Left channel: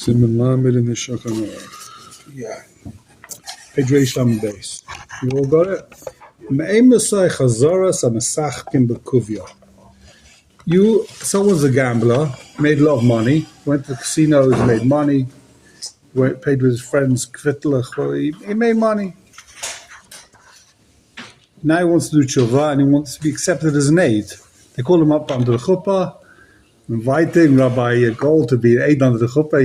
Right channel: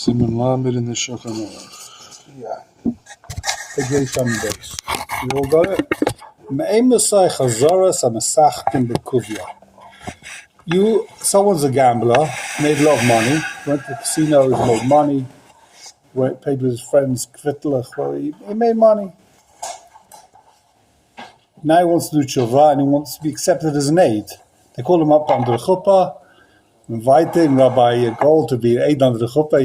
Simon Lamed in the Shulchan Aruch. Yeah. Hidration on the base. You all got it? Someone's a gambler, made a lot of money, went to the casinos, made money, paid with his friends, well, he made money. Now he wants to do tshuva and he wants to be accepted as an aid. They call him up under the chuppah, inviting Rabbi Gold to be an aid under the chuppah.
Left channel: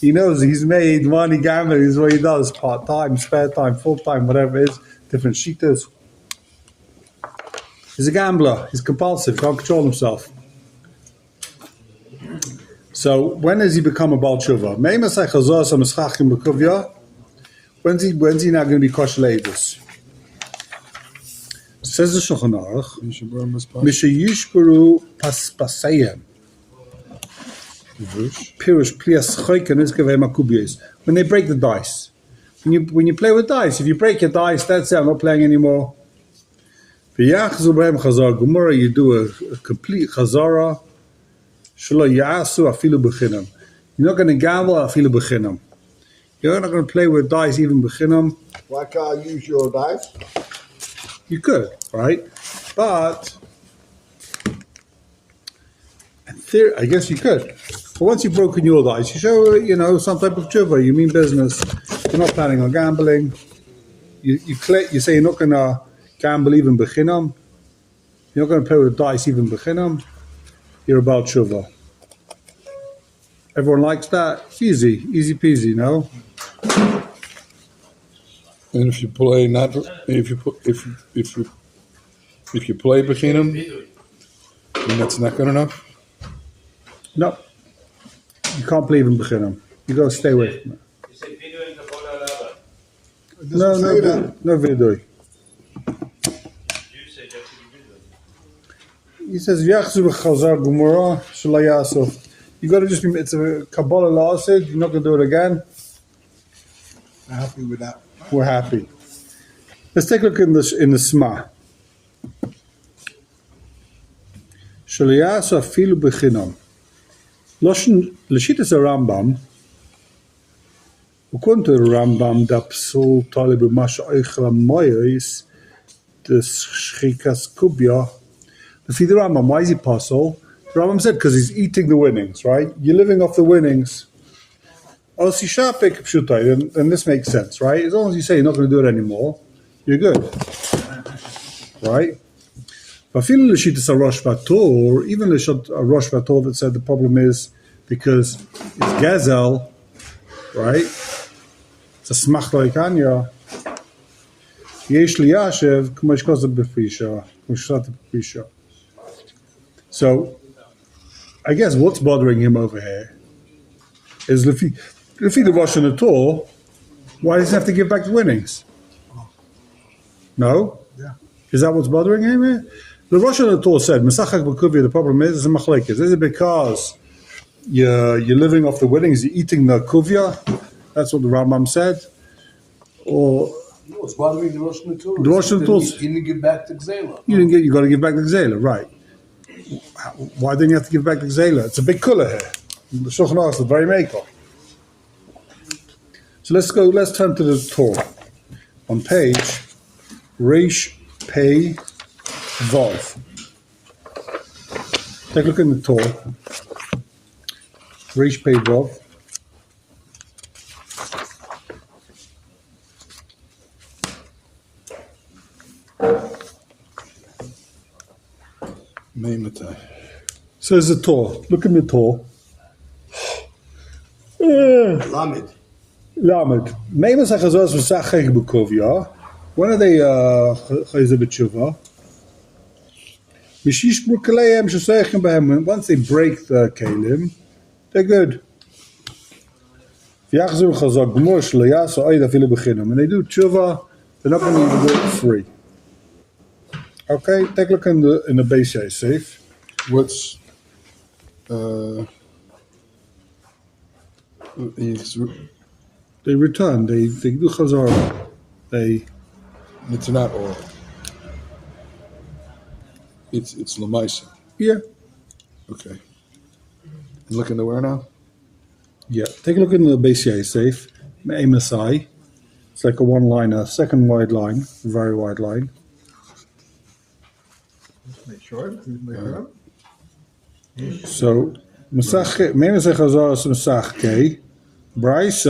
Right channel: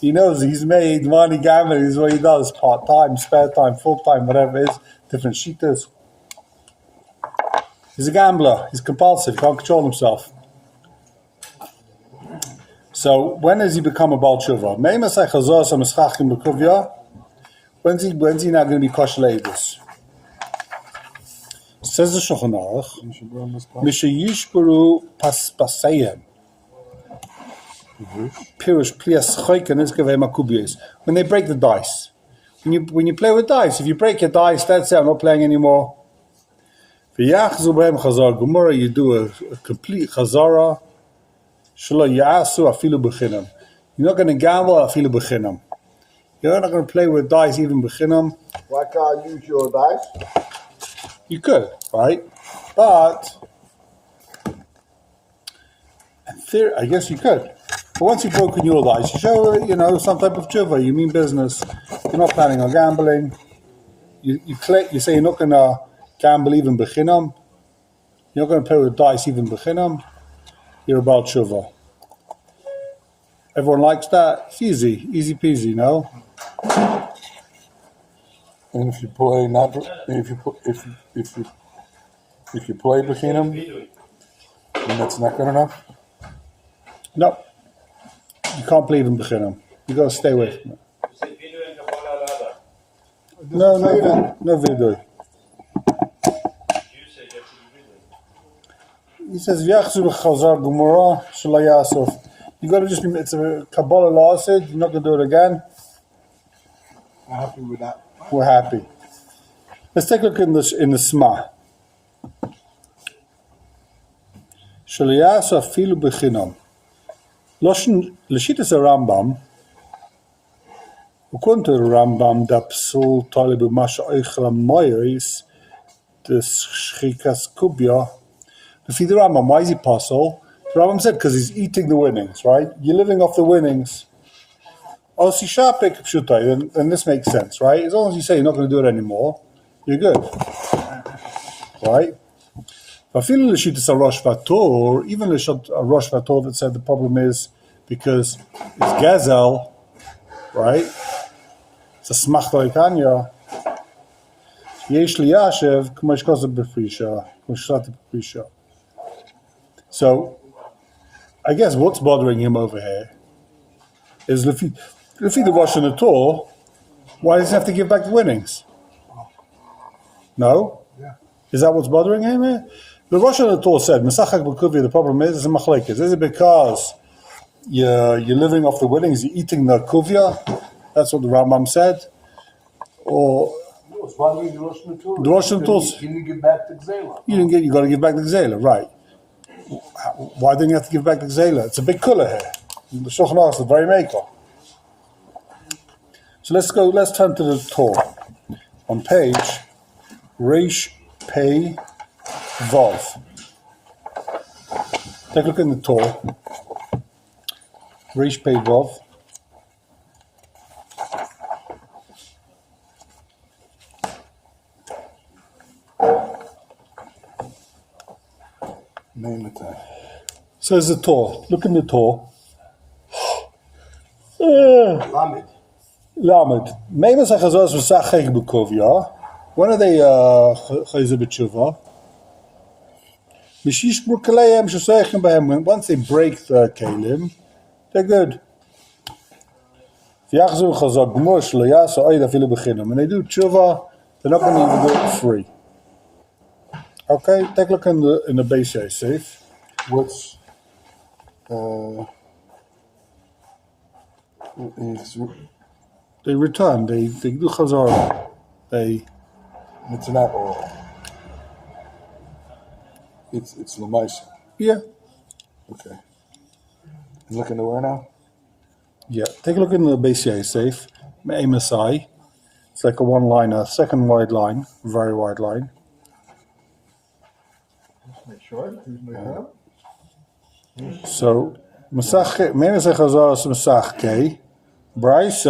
He knows he's made money gambling is what he does, part-time, spare time, full-time, whatever it is, different shitas. He's a gambler. He's compulsive. Can't control himself. So when does he become a Baal Tshuva? When's he now going to be kosher leidus? Says the Shulchan Aruch, Mishayishbaru Paspaseim. Pirush Plias Choyken Iskavei Makubiyos. When they break the dice. When you play with dice, if you break your dice, that's it, I'm not playing anymore. You do a complete chazara. You're not going to gamble afilu b'chinam. You're not going to play with dice even b'chinam. Why can't I use your dice? You could, right? But in theory, I guess you could. But once you've broken your dice, you show some type of tshuva. You mean business. You're not planning on gambling. You say you're not going to gamble even b'chinam. You're not going to play with dice even b'chinam. You're about tshuva. Everyone likes that. It's easy peasy, no? And if you play if you play b'chinam, then that's not good enough. No, you can't play even b'chinam. You got to stay away from it. No vidui. He says, you got to just be, it's a Kabbalah law said, you're not going to do it again. I'm happy with that. We're happy. Let's take a look in the Sma. Shaliyasa filu b'chinam. L'shitas Rambam, according to the Rambam, da psul talib b'masha oichel ha'moyris, the shchikas kubya. The Rambam, why is he puzzled? The Rambam said because he's eating the winnings, right? You're living off the winnings. And this makes sense, right? As long as you say you're not going to do it anymore, you're good, right? Even the Rosh Vator that said the problem is because it's Gazel, right? It's a smach loikanya. Yesh liyashev k'mosh kosa b'frisha, k'mosh shata b'frisha. So, I guess what's bothering him over here is if he the Rosh and the Torah, why does he have to give back the winnings? No? Yeah. Is that what's bothering him here? The Rosh and the Torah said, Mesachak b'kuvya, the problem is a machlekes. Is it because you're living off the winnings, you're eating the kuvya? That's what the Rambam said? Or what's bothering the Rosh and the Torah? The Rosh and the Torah. You didn't give back the Gzela. You got to give back the Gzela, right. Why didn't you have to give back the Gzela? It's a big kula here. The Shulchan Aruch is the very maker. So let's turn to the Torah. On page Reish Pei Vav. Take a look in the Torah. Reish Pei Vav. Says the Torah. Look in the Torah. Lamed. Lamed. When are they chayzer b'tshuva? Once they break the kelim, they're good. When they do tshuva, they're not going to even do it free. Okay, take a look in the base safe. What's they return. They do chazara. It's not all. It's lamaisa. Yeah. Okay. Looking to where now? Yeah, take a look in the BCA safe. MSI. It's like a one-liner, second wide line, very wide line. Make sure. Make sure. So, Masach, MSI Chazar Masach Bryce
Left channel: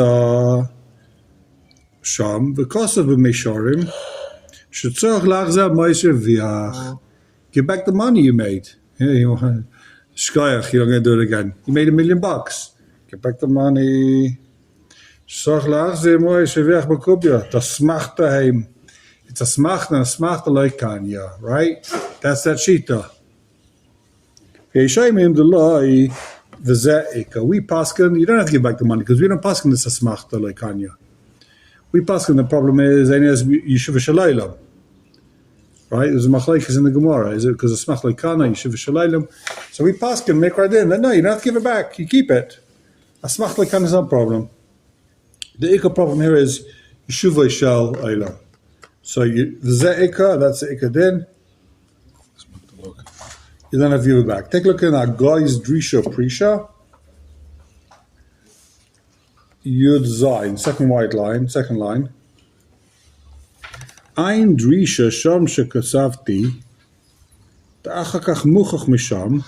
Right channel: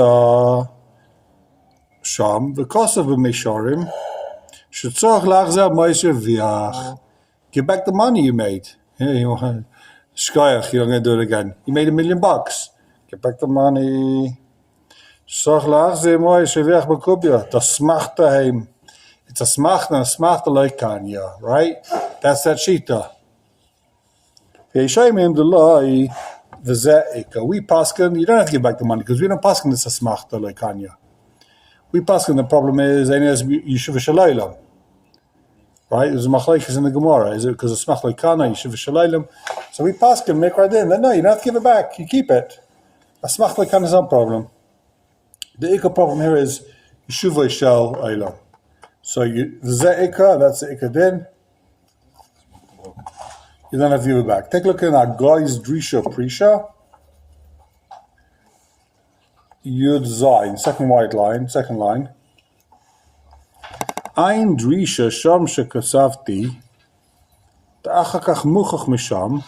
Sham, because of the Mishorim, should talk Lachza Meiser Viach. Give back the money you made. Yeah, you want Shkayach, you're going to do it again. You made $1 million. Get back the money. Sorg Lachza Meiser Viach Bakubia. Das macht daheim. It's a smacht and a smacht like Kanya, right? That's that Shita. Okay, show him the lie. We paskin, you don't have to give back the money because we don't paskin this a smachta like Kanya. We paskin, the problem is Yeshiva Shalaylam. Right? There's a machlekes in the Gemara. Is it because it's smach like Kana, Yeshiva Shalaylam? So we paskin, make right in. Then no, you don't have to give it back. You keep it. A smach like Kana is no problem. The Ikka problem here is Yeshiva Shal Aylam. So the Ikka, that's the Ikka din. You don't have to give it back. Take a look at our guy's Drisha Prisha. Yud Zayin, second line. Ein Drisha Sham Shekasavti. Ta'achakach Muchach Misham.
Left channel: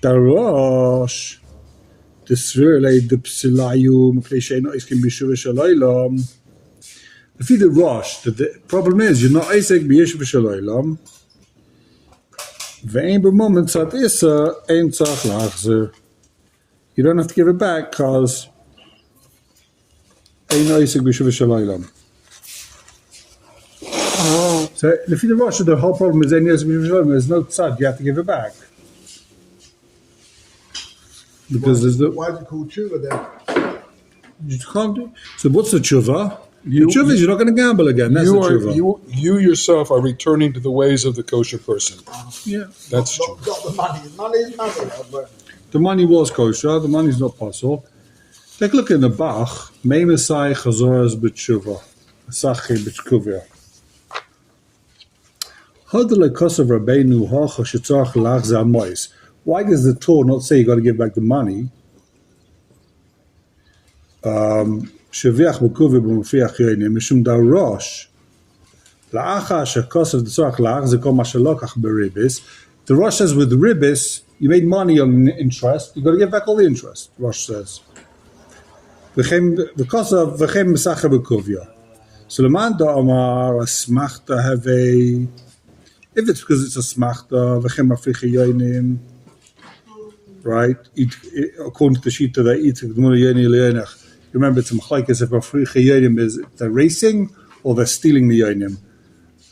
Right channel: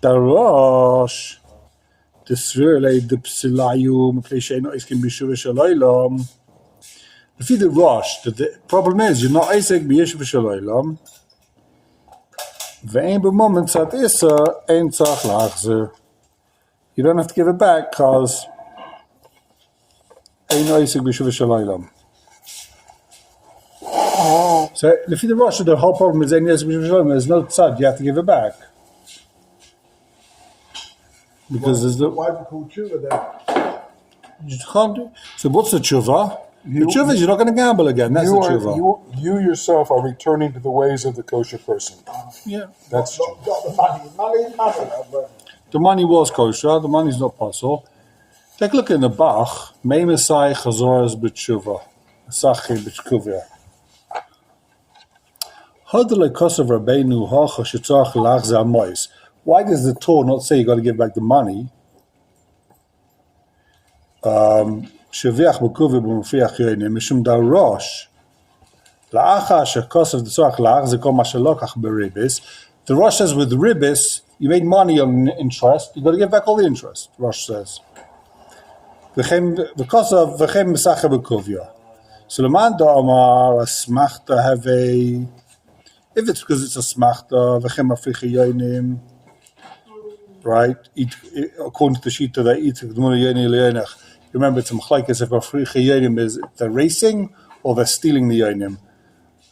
Darash. Tisrele de Psilayum. Pleisheno Iskim Bishuv Shalaylam. If you the Rosh, the problem is you're not Isaac Bishuv Shalaylam. You don't have to give it back because so if you rush the whole problem is there's no tzad, you have to give it back. Because there's no Why is it called tshuva then? you can't do, so what's the tshuva? The tshuva is you're not going to gamble again. That's the tshuva. You yourself are returning to the ways of the kosher person. Yeah. That's true. Not the money. Money is nothing. But The money was kosher, the money is not possible. Take a look in the Bach. Meimesai Chazoras B'tshuva. Asachi B'tshkuvia. Hodele Kosav Rabbeinu Hocha Shetzach Lach Zamois. Why does the Torah not say you got to give back the money? Sheviach B'kuvia B'mufiach Yoinim Mishum Darosh. La'acha Shekosav D'tzach Lach Zekol Mashalokach B'ribis. The Rosh says with ribis, you made money on interest, you got to give back all the interest, Rosh says. Because of V'chem Mesacha B'kuvia. So Leman Da'amar, a smachta have a, if it's because it's a smachta, V'chem Africha Yoinim, right? According to the Shita, they eat G'mur Yoini Le'enech. Remember, it's a machlekes if Africha Yoinim is they're racing or they're stealing the Yoinim.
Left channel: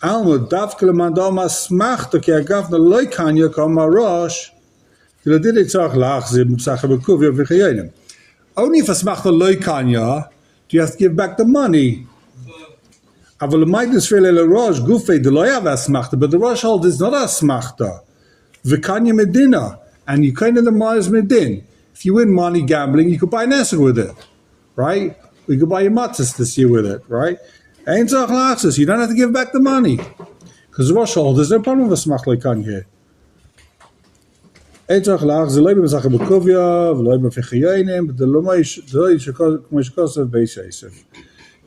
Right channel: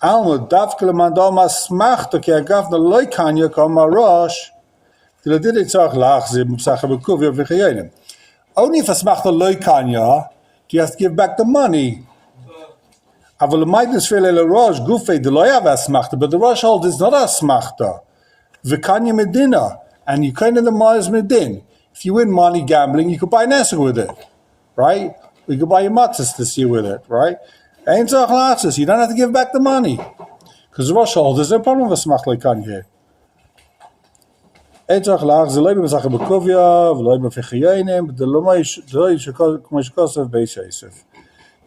Alma Davke Leman Da'amar smachta ki agavna loy kanya kol marosh. Only if a smachta loy kanya, do you have to give back the money? But the Rosh hold is not a smachta. V'kanya medina, and you kind of the money is medin. If you win money gambling, you could buy an esrog with it, right? You could buy your matzahs this year with it, right? You don't have to give back the money because the Rosh hold there's no problem with a smachta loy kanya here. But the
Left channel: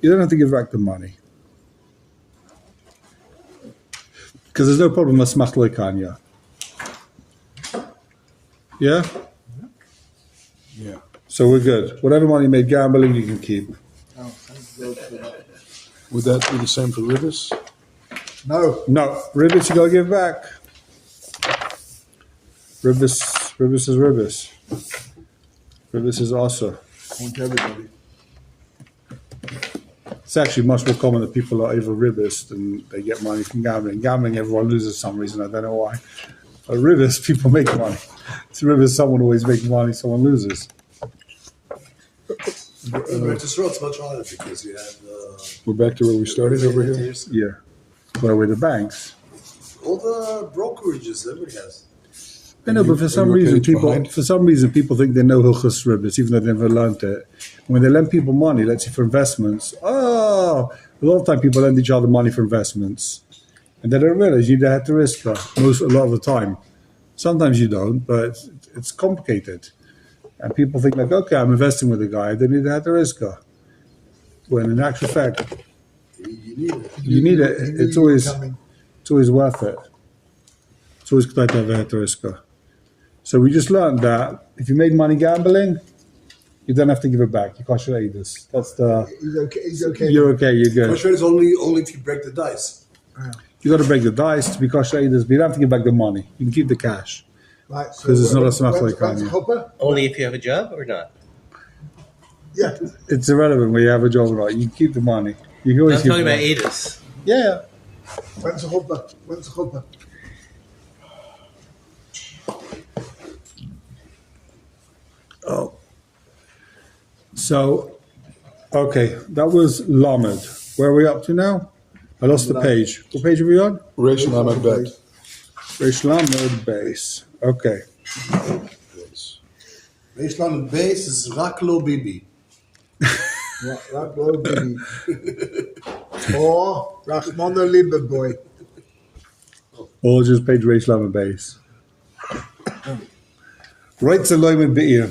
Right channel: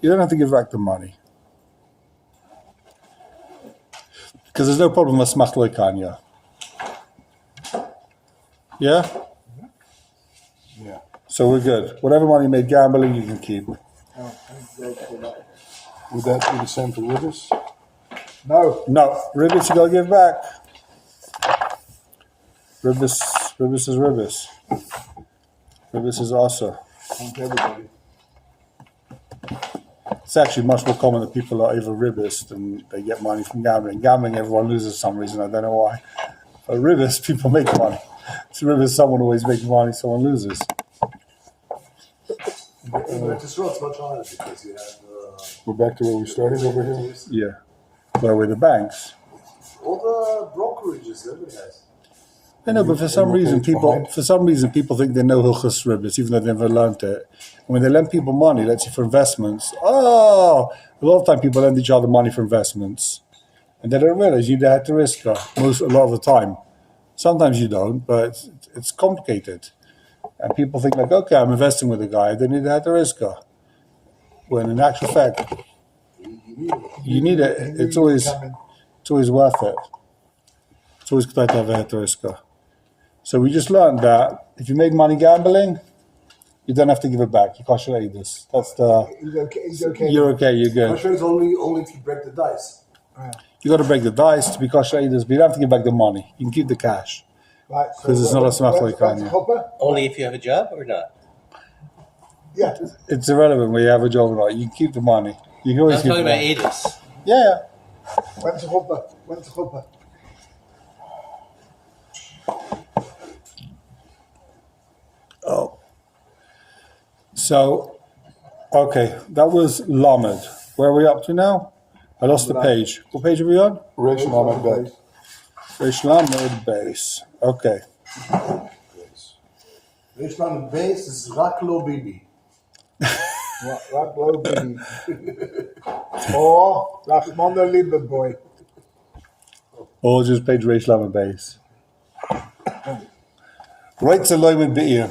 you don't have to give back the money. Because there's no problem with smach loy kanya. Yeah? Yeah. So we're good. Whatever money made gambling, you can keep. Would that be the same for ribis? no. No, ribis you gotta give back. Ribis is ribis. Ribis is also. Thank everybody. It's actually much more common that people are over ribis than they get money from gambling. Gambling, everyone loses for some reason. I don't know why. But ribis, people make money. It's ribis, someone always makes money, someone loses. This road's much harder because you have We're back to where we started over here. Yeah. Where with the banks? all the brokerages everybody has. I know, but for some reason, behind? people think they know Hilchos Ribis, even though they never learned it. And when they lend people money, let's say for investments, a lot of time people lend each other money for investments, and they don't realize you have to risk a lot of the time. Sometimes you don't, but it's complicated. And people think like, okay, I'm investing with a guy, they need to have the riska. When in actual fact, You need it. you need it. It's always worth it. It's always good to have a riska. So we just learned that if you made money gambling, you don't have to give it back. You can't show this. That's the. He's okay. He's okay. You're okay. You're good. I'm sure it's only if you break the dice. You got to break the dice to be kosher eaters, but you don't have to give back the money. You can keep the cash. Right. So 'Cause it's not a when's- smart like when's Kanye. Hopper? Only if you have a job or not? Yeah. It's irrelevant where you have a job or not. You can keep the money. You can always I'm keep talking the about money. Adis. Yeah. When's Hopper? When's Hopper? Oh. So, okay, that was Lamed. Where are we up to now? I lost the page. What page are we on? Reish Lamed Bet. Reish Lamed base. Okay. Baseline base is Raklo Bibi. Rak low baby. Or Rachmana Liber boy. Or just page Reish Lamed base. Right to Loman Bi'ir.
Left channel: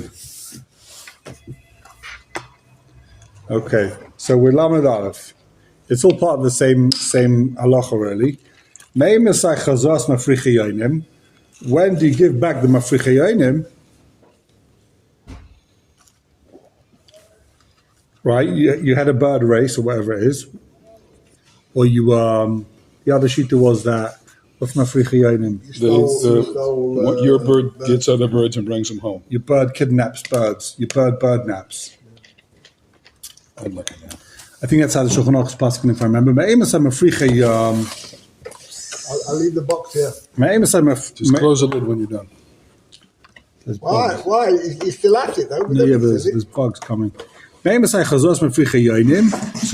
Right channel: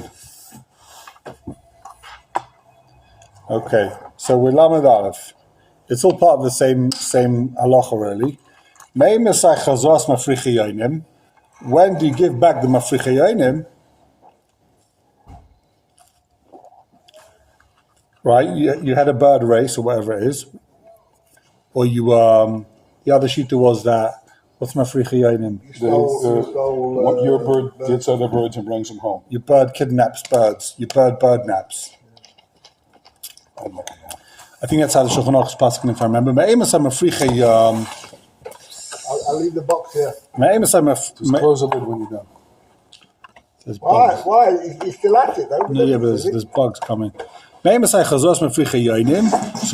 Okay, so we're Lamed Aleph. It's all part of the same halacha, really. When do you give back the mafrichayonim? Right, you had a bird race or whatever it is, or you the other shita was that what's mafrichayonim? Your bird gets other birds and brings them home. Your bird kidnaps birds. Your bird naps. I'm looking at it. I think that's how the Shulchan Aruch is passing, if I remember. I'll leave the box here. Just close the lid when you're done. There's Why? bugs. Why? He's still at it though. Yeah, but there's bugs coming. So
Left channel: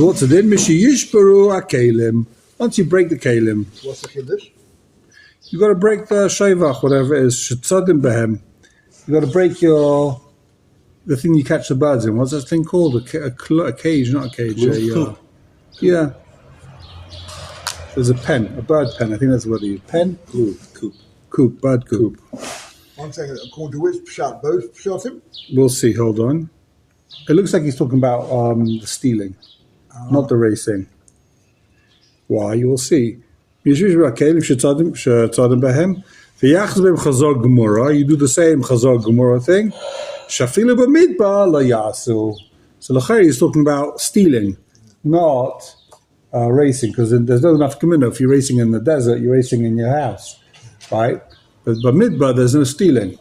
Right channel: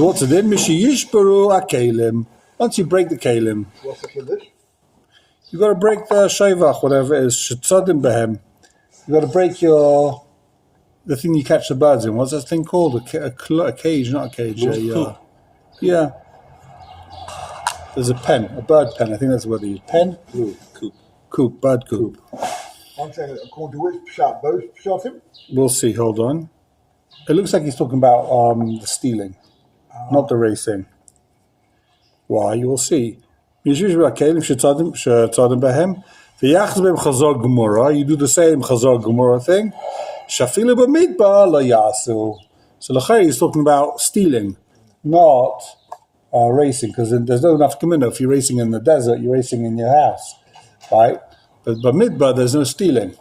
what's it in? Once you break the kalim, What's the kiddush? you got to break the shayvach, whatever it is. Shetzadim behem. You got to break the thing you catch the birds in. What's that thing called? A cage, not a cage. Yeah. There's a pen, a bird pen. I think that's what they use. Pen? Coop, bird coop. One second. According to which shot? Both shot him? We'll see. Hold on. It looks like he's talking about the stealing, not the racing. Why? You will see. You do the same chazar gemara thing. Shafilu b'midbar lo yasu. So l'chayr he's talking about stealing, not racing, because there's no enough commitment. If you're racing in the desert, you're racing in your house, right? But midbar, there's no stealing.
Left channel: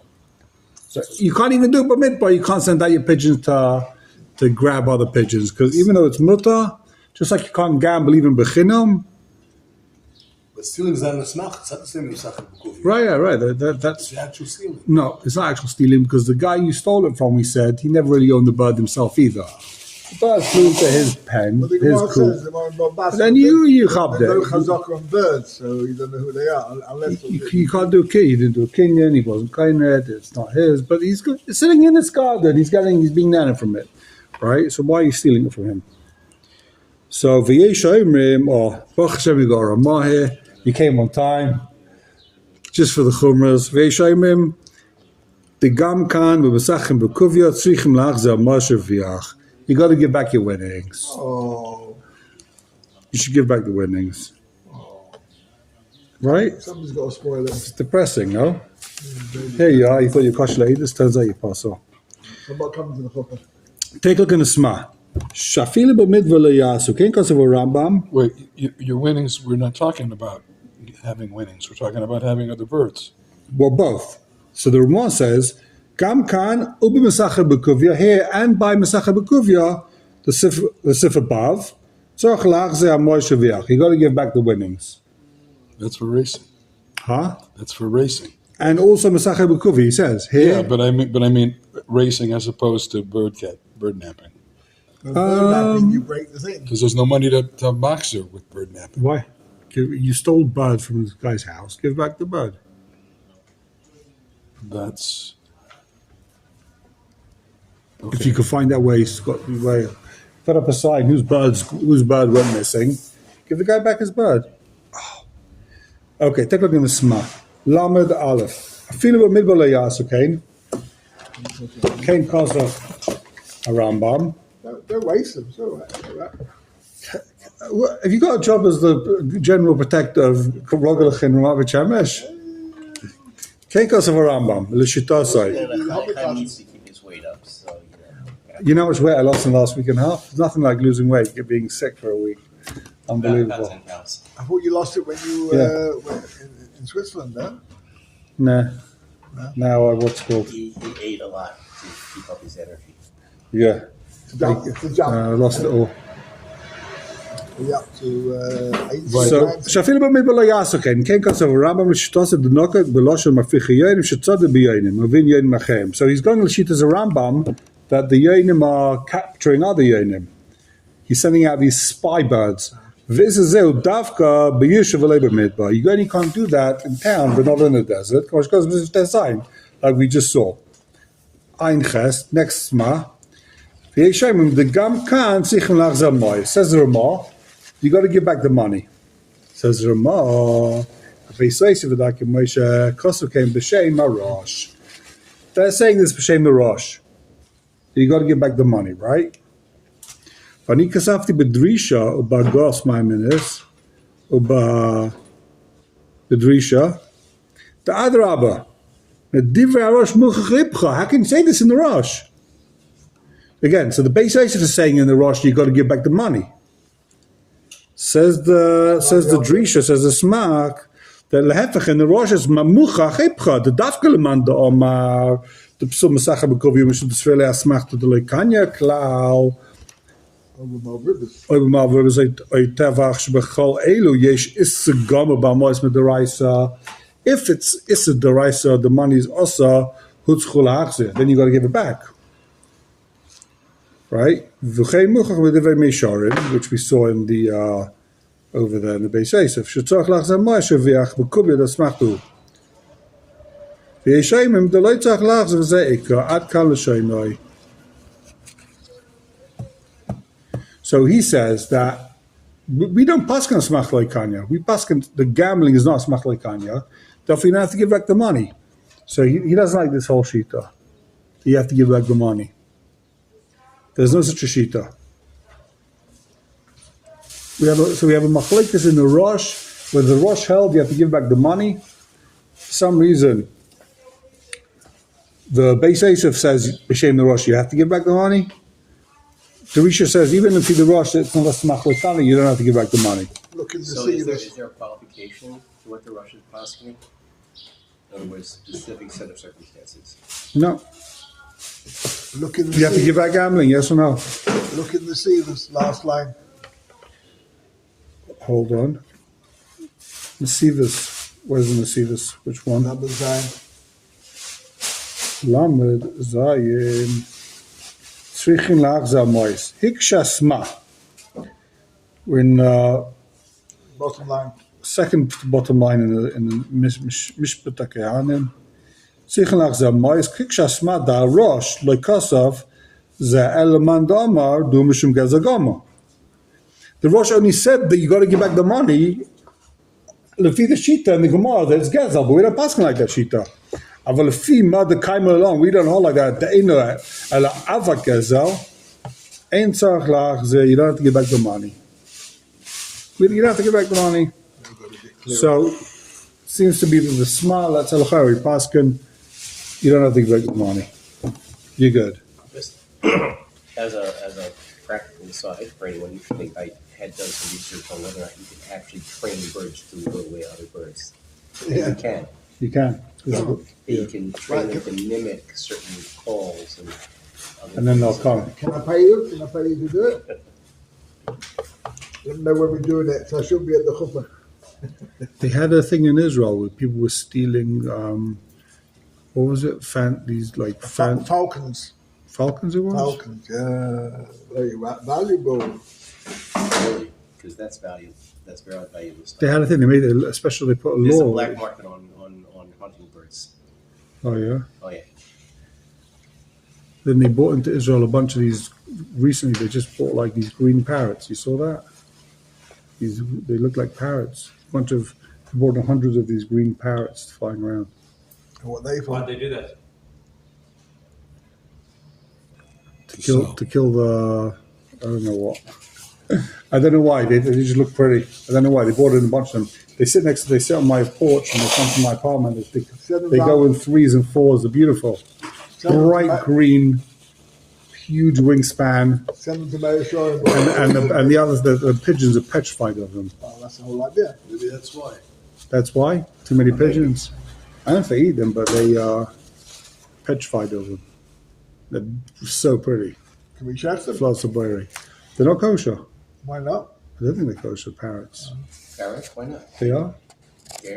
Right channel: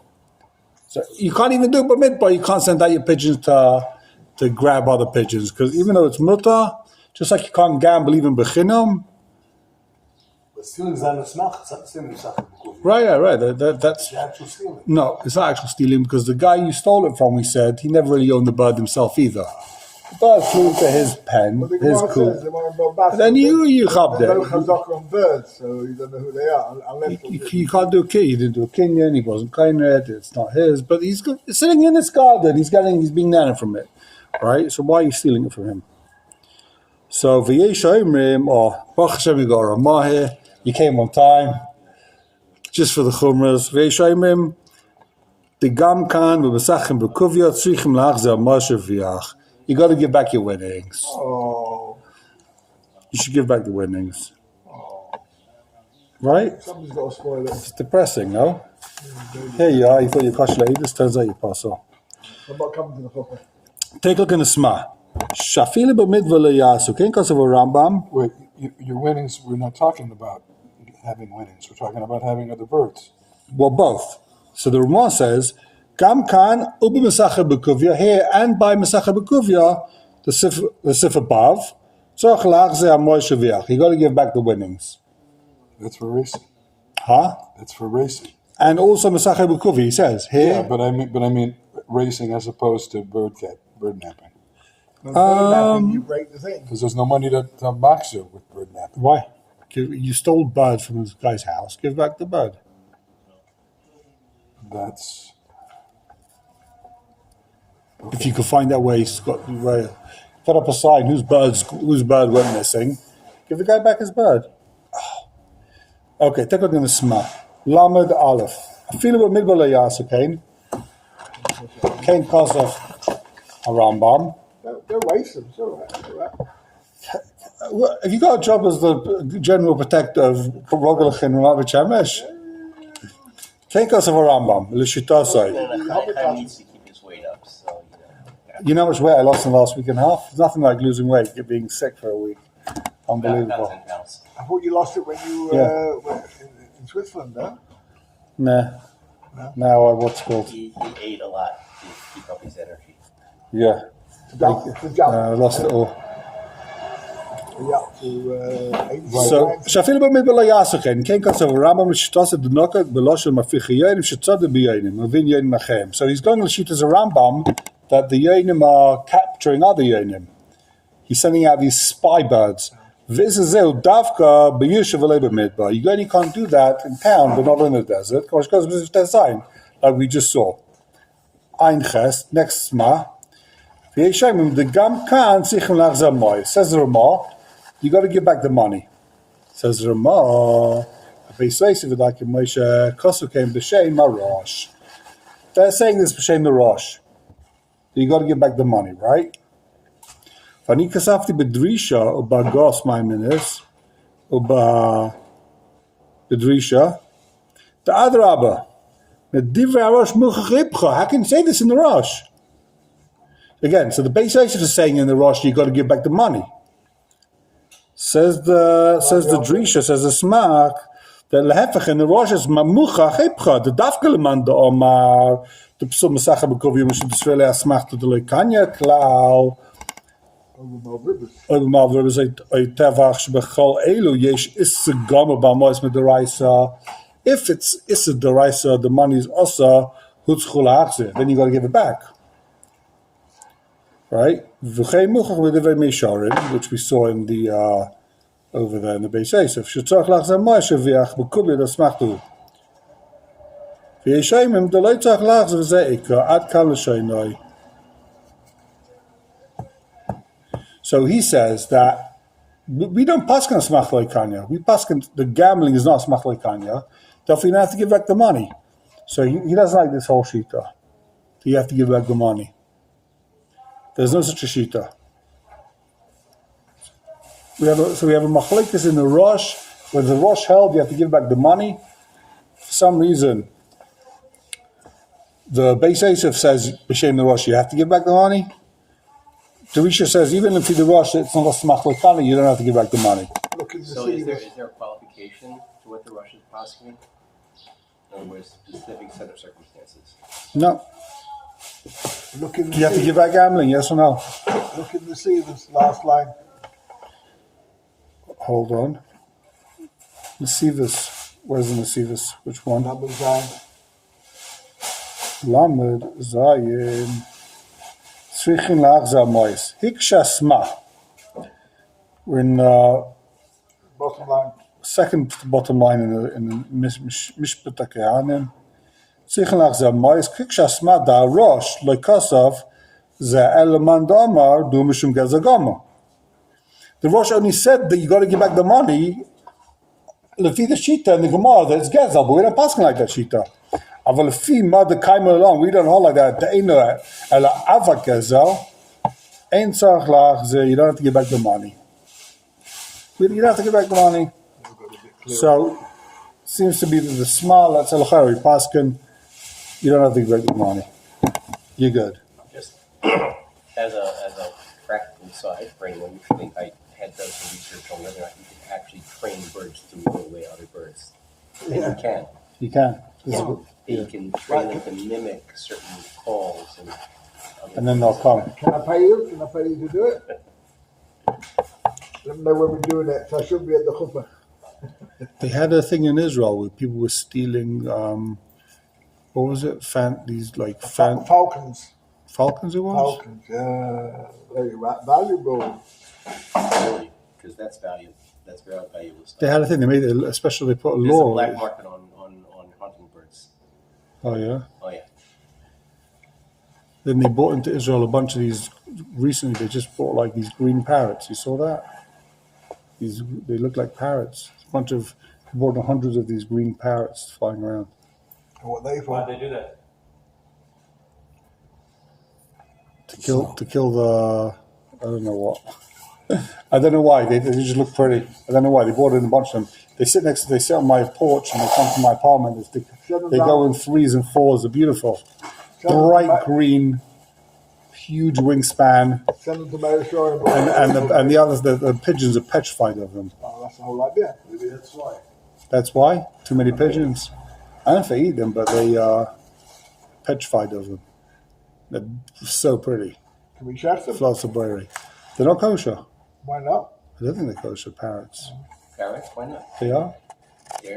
So you can't even do it midbar. You can't send out your pigeons to grab other pigeons, because even though it's mutar, just like you can't gamble even bechinam. But stealing is not a smach. It's not the same as Sachet. Right. That's It's actual stealing. no, it's not actual stealing, because the guy you stole it from, we said, he never really owned the bird himself either. The bird flew to his pen, But the his Gemara coop. says they want to bombast. Then you There's chapped no it. chazaka on birds, so you don't know who they are unless. You can't do a kid. He didn't do a kinyan. He wasn't kinyan. It's not his. But he's good. It's sitting in his garden. He's being nana from it, right? So why are you stealing it from him? So v'yesh omrim, or Baruch Hashem, you got a Ramah here. You came on time, just for the chumras. V'yesh omrim, the gam kan v'besachim b'kuvya tzrichim la'achzer moshe v'yach. You got to give back your winnings. Oh, You should give back the winnings, right? somebody's got to spoil it. It's depressing, no? Here you are, you thought you're kosher lady, this turns out you're paso. Somebody comes in the hooker. Take a look in the Sma. Shafile b'midva le'yasu, ken kasav Rambam. Wait, your winnings, we're not talking about having winnings. We're talking about having other birds. Well, both. So the Ramah says, Gam kan ubi mesacha b'kuvya, here and by mesacha b'kuvya, the sif above, tzarech la'achze ha'moy shaviach. You got to give back the winnings. That's for racing. Huh? That's for racing. And also mesacha b'kuvya, he says, here. Yeah, but I mean racing as opposed to bird napping. No, napping, you break the thing. Because there's no money to box you with bird napping. Why? You stole bird from this guy's house, give back the bird. That's If you could find that way, put up a sign whose bird went missing, give the guy back his bird. Oh. Okay, take a look in the Sma. Lamed Aleph. Afilu b'midbar le'yasu, okay? Kein Kosov a Rambam. Don't waste them. It's all right. It's all right. Have you got a job as the general protector of Rogelach and Rav Chamesh? Kein Kosov a Rambam. L'shitosai. Chaim needs to keep his weight up, so You know how much weight I lost in the last week and a half? It's nothing like losing weight, being sick for a week. Unbelievable. that's in-house. I thought you lost it when you were in Switzerland, huh? Nah. Now what's called? He ate a lot to keep up his energy. Yeah. To jump. I lost it all. Yeah, to 8 So, times. שאפילו במדבר לא יעשו כן, כן כסף הרמב"ם לשתוס את דנוקת בלושן מפיח יונים שצוד ביונים, מבין יונים אחרים. So he's going to sheet as a Rambam that the yonim are capturing other yonim. He's sending out these spy birds. This is Davka b'yushav midbar. You only can't do that in town, but not in the desert. Because it's design, like we just saw. Ein Ches, next Sma. The Gam Khan Sichim Lachzam Moy. Says the Ramah, you got to give back the money. Says the Ramah, Moshe Kosu came b'shem Marosh. They're saying this b'shem the Rosh. You got to give back the money, right? Vani kasafti bedrisha uba gos maiminis uba bedrisha. The Adraba. The Divra Rosh Muchachlipcha. How can you say this in the Rosh? Again, so the base Yosef is saying in the Rosh, you got to give back the money. Says the Drisha, says the Smak, that lehefech in the Rosh is mamucha chipcha, the dafkeleman the Omar, the Psum Masacha Bekov Yumish B'Srele Asmach to the Lekanya Klau. Oibmal Ribes Oitevach Shbechol Elu Yesh Issa Gama Bamois Med Deraisa. If it's Issa Deraisa, the money is also Hutzchul Achze, then you got to give it back. Right? Which we saw in the over there in the Beis Yosef. Shetzach lachzeh Moshe v'ach b'kubya dasmachtu. V'yeshayim the leitzach lachzeh v'zeika ad kal l'shaynoi. So he says that we don't paskin smach leikanya. We paskin the gambling is not smach leikanya. Therefore, you don't have to give back the money. So he doesn't like this whole shita. You have to give back the money. There's no such a shita. We have a machlekes in the Rosh, where the Rosh held you have to give back the money. For some reason, the Beis Yosef says b'shem the Rosh you have to give back the money. The Risha says even if the Rosh it's not a machlekani, you don't have to give back the money. Look in the So sea. is there a qualification to what the Rosh is asking? In other words, specific set of circumstances. No, Look in the you have to sea. give back gambling. Yes or no? Look in the sea. This last line. Hold on. Nesivus. Where's the Nesivus? Which one? Number 9. Lamed Zayin. Tzrichin lachzah mois. Hikshasma. We're in Bottom line. second bottom line in the Mishpat HaKehanim. Tzrichin lachzah mois. Hikshasma da rosh loikasav ze eleman damar du mishum gezagama. The Rosh only said that you got to give back the money. Lefi the shita and the Gemara that it's gezel, but we don't pass like that shita. Aval lefi mother kaim along, we don't hold like that. The eno ela ava gezel, ein tzarich lach ze you don't have to give back the money. You don't have to give back the money. So seems to be that the small that's elachari paskin. You don't have to give back the money. You're good. Just as a practical aside for anyone, you think I had done some research on whether or not you can actually train birds to move away other birds. And Yeah. you can. You can. You can train them to mimic certain calls And then they'll come. Can I pay you? Can I pay you to do it? Don't know when we're doing that, so I should be at the chuppah. They had a thing in Israel where people were stealing, what was it? Falcons. Falcons it was? Falcons, yeah. Very valuable. really, because that's valuable. That's very valuable stuff. They had a thing, they made it, especially they put a There's a law. black market on hunting birds. Oh yeah? Oh yeah. Then they bought into Israel a bunch of these, recently they just bought like these green parrots. You saw that? They look like parrots. A bunch of, they bought hundreds of these green parrots flying around. And what they Why'd for? they do that? to kill the. I don't know what. I don't know why they just look pretty. I don't know why they bought in a bunch of them. They sit on my porch and they come to my apartment. They go in 3s and 4s. They're beautiful, bright green, huge wingspan, Send them to Marishaw and the others the pigeons are petrified of them. Oh, that's the whole idea. Maybe that's why. That's why too many pigeons. I don't know if they eat them, but they are petrified of them. They're so pretty. Can we check them? Flots of berry. They're not kosher. Why not? I don't think they're kosher parrots. Parrots, why not? They are. They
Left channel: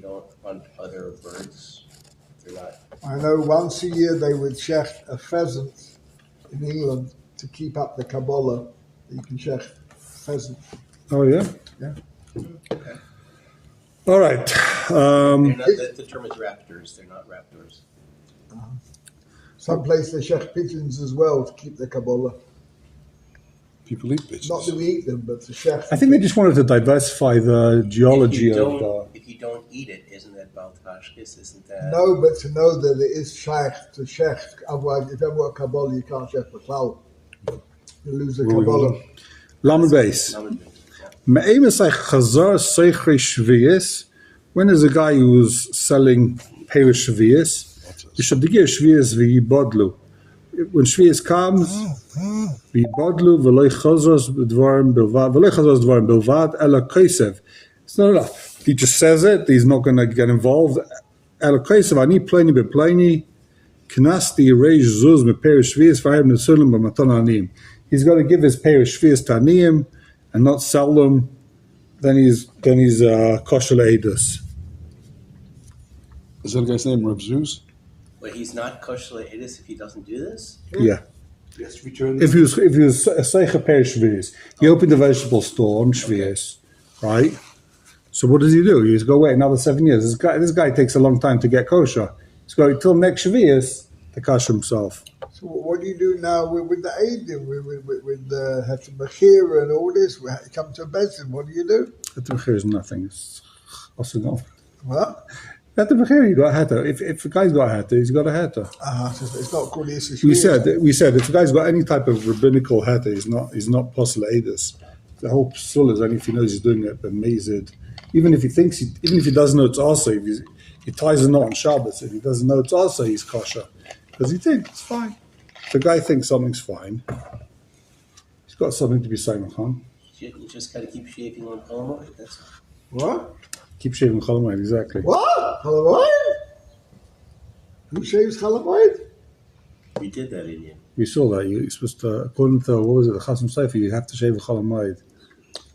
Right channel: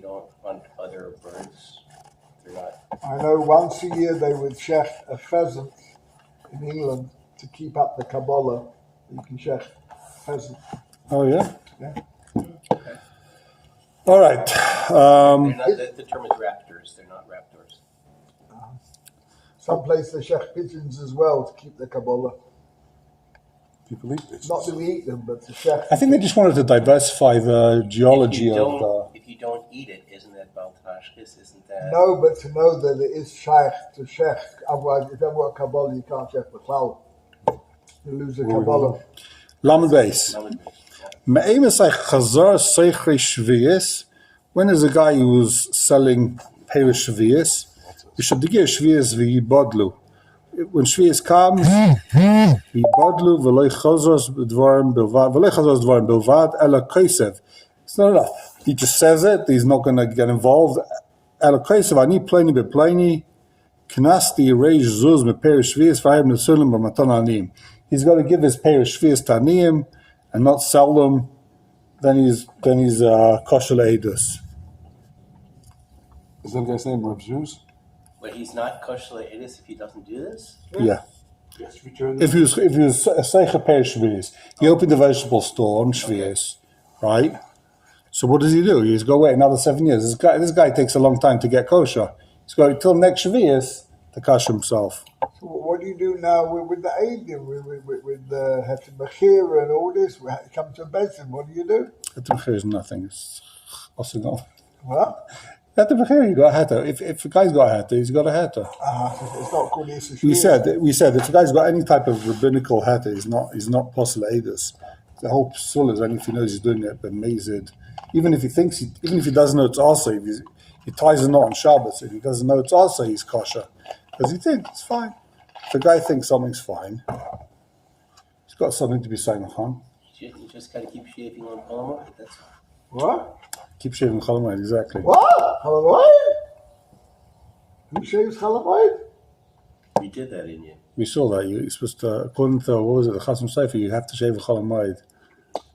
don't hunt other birds. They're not. I know once a year they would check a pheasant in England to keep up the Kabbalah. You can check pheasant. Oh yeah. Yeah. All right. They're not the term is raptors. They're not raptors. Some places they check pigeons as well to keep the Kabbalah. People eat pigeons. Not that we eat them, but to check. I think they just wanted to diversify the geology If of. you don't eat it, isn't that Baltashkis? Isn't that? No, but to know that it is shaykh to check. Otherwise, if you haven't got Kabbalah, you can't check the cloud. You lose the Where we Kabbalah. going? Lamed Beis. Me'em is like Chazar Seichri Shvius. When is a guy who's selling Perish Shvius? You should give Shvius v'yibodlu. When Shvius comes, v'yibodlu v'loi chazros dvarim bilvad ela kaisev. It's not enough. He just says it. He's not going to get involved. Ela kaisev ani pleni bepleni knasti reish zuz me Perish Shvius v'ayim nesulim b'matan anim. He's got to give his Perish Shvius to anim and not sell them. Then he's kosher le'edus. Is that a guy's name, Reb Zeus? But he's not kosher le'edus if he doesn't do this. Yeah. Yes, return. If he was a Seicha Per Shvius, he opened a vegetable store on Shvius, right? So what does he do? He's got to wait another 7 years. This guy takes a long time to get kosher. He's got till next Shvius to kosher himself. So what do you do now with the Eidim, with the Heter Mechira and all this? We come to Bezin, what do you do? Heter Mechir is nothing. It's also not. What? Heter Mechir, you got a heter. If a guy's got a heter, he's got a heter. It's not called Yisrael. We said if a guy's got any type of rabbinical heter, he's not possible edus. The whole psul is only if he knows he's doing it, but mazid. Even if he doesn't know it's also, if he ties a knot on Shabbos, if he doesn't know it's also, he's kosher. Because he thinks it's fine. If a guy thinks something's fine, he's got something to be saying on. You just gotta keep shaving on Palmar. That's What? Keep shaving chalamayit, exactly. What? Chalamayit? Who shaves Chalamayit? we did that in you. We saw that. You're supposed to, according to, what was it, the Chasam Sofer, you have to shave a chalamayit.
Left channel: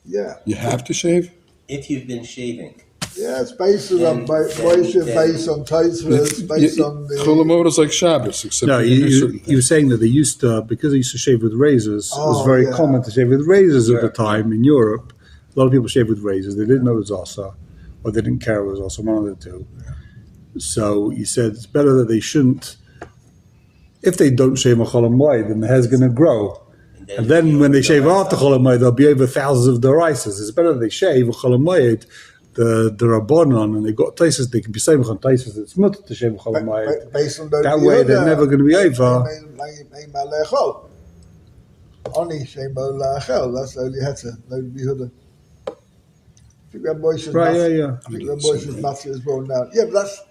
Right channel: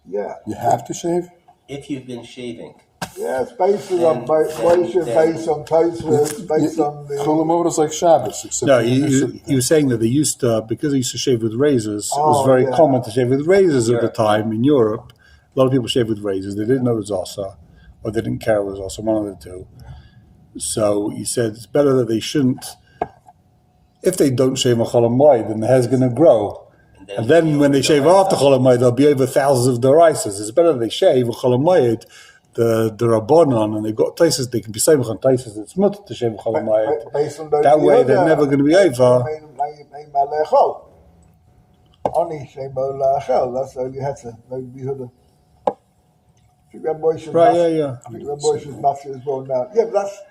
Yeah. You have to shave? If you've been shaving, Yeah, it's based on Then- Moshe, then- based on Taisva, based on the... Cholamot is like Shabbos, except No, for only certain he things. was saying that they used to, because they used to shave with razors, it was Oh, very yeah. common to shave with razors at the Europe, time in Europe. A lot of people shaved with razors. They didn't know it was Asa, or they didn't care it was Asa, one of the two. So he said it's better that they shouldn't, if they don't shave on Cholamayid, then the hair's going to grow. And then when they shave after Cholamayid, there'll be over thousands of derisas. It's better that they shave on Cholamayid, the Rabbanon, and they've got Taisus, they can be saying on Taisus, it's much to shave on Cholamayid. Based on the... That way they're never going to be over. Only Shemo Lachel, that's the only Heter, no Yehuda. I think Rabbi Moshe's Right, Mas- yeah. I think Rabbi Moshe's Matthew as well now. Yeah, but that's...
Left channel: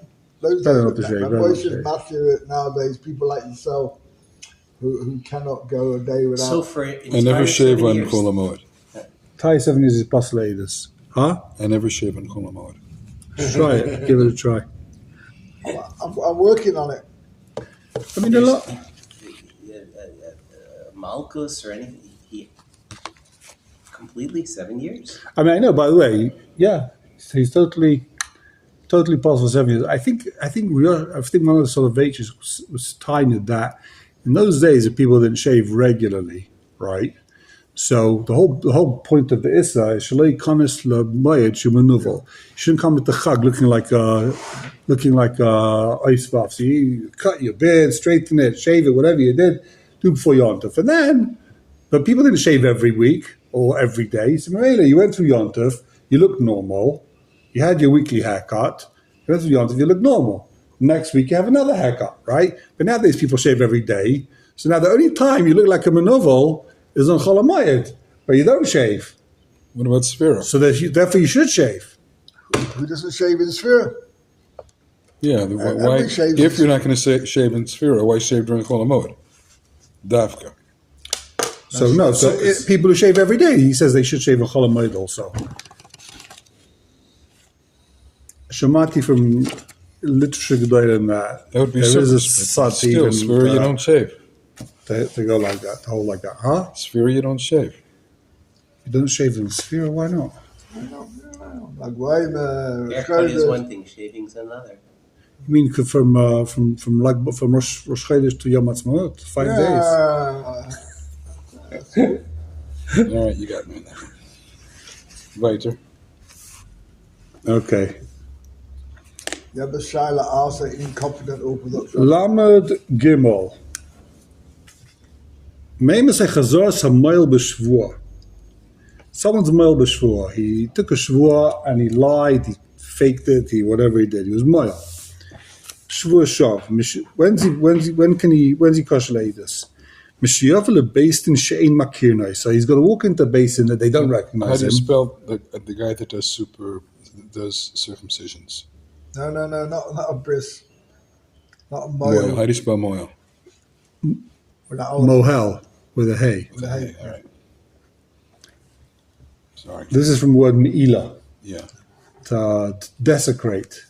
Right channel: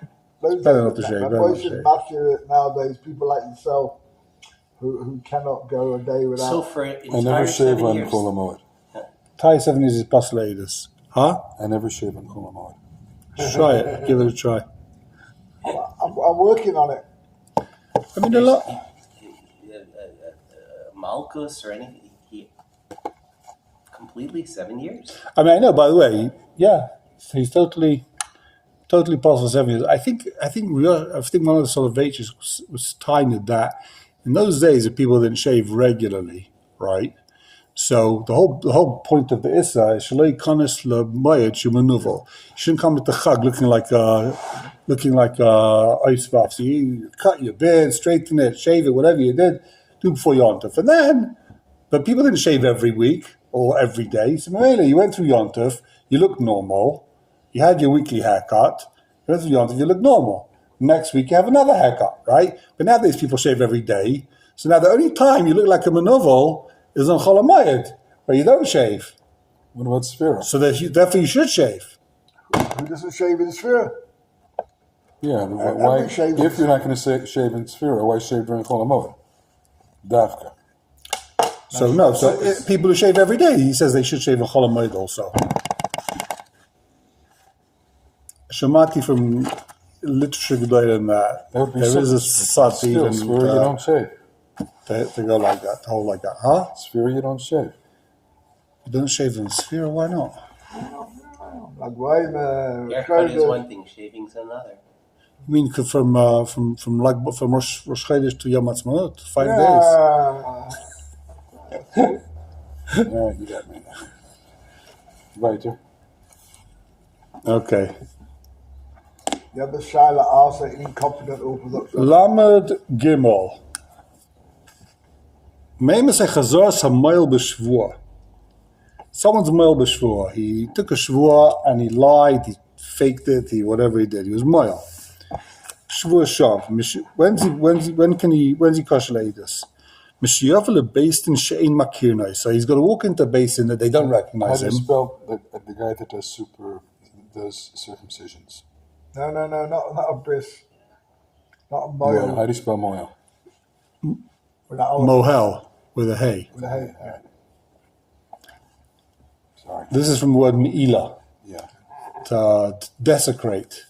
Those Better days, not to shave, Rabbi better not to Moshe's shave. Matthew nowadays, people like yourself who cannot go a day without... so for I never shave on Cholamot. Tie 7 years is plus latest. Huh? I never shave on Cholamot. Try it. Give it a try. I'm working on it. I mean, a lot. Malchus or anything. He completely 7 years. I mean, I know. By the way, yeah, he's totally possible 7 years. I think one of the Soloveitch's was tiny that in those days, if people didn't shave regularly, right? So the whole point of the Issa is Shalei Kanis LeMayed Shumanuvel. You shouldn't come at the Chag looking like ice buff. So you cut your beard, straighten it, shave it, whatever you did, do before Yontef. And then, but people didn't shave every week or every day. So Mamela, you went through Yontef, you looked normal, you had your weekly haircut, you went through Yontef, you looked normal. Next week you have another haircut, right? But nowadays people shave every day. So now the only time you look like a manovel is on Chol HaMoed, where you don't shave. What about Sphira? So therefore you should shave. Who doesn't shave in Sphere? Yeah, why? Everybody shaves If in you're not going to shave in Sphira, why shave during Chol HaMoed? Dafka. So no, people who shave every day, he says they should shave on Chol HaMoed also. Shamati from literature Gedolim that That would be there is a Still, sati even Sphira you don't shave. they go like that, the whole like that, huh? Sphira you don't shave. You don't shave in Sphere, why not? Like why Haircut is one thing, shaving's another. You mean from Rosh Chodesh to Yom Ha'atzmaut, 5 days? All right, you got me. Weiter. Okay. You have a Shaila also incompetent Orthodox. Lamed Gimel. Meima say Chazor Samoil B'Shvua. Someone's moil b'shvua. He took a shvua and he lied, he faked it, whatever he did. He was moil. Shvua shav. When's he kosher this? Mishiyavel based in she'ein makirnai. So he's got to walk into a basin that they don't How recognize do him. you spell the guy that does circumcisions? No, not a bris. Not a Moil. How mile. do you spell moil? Mohel with a hey. Okay, all right. Sorry. This is from the word me'ila, Yeah. to desecrate.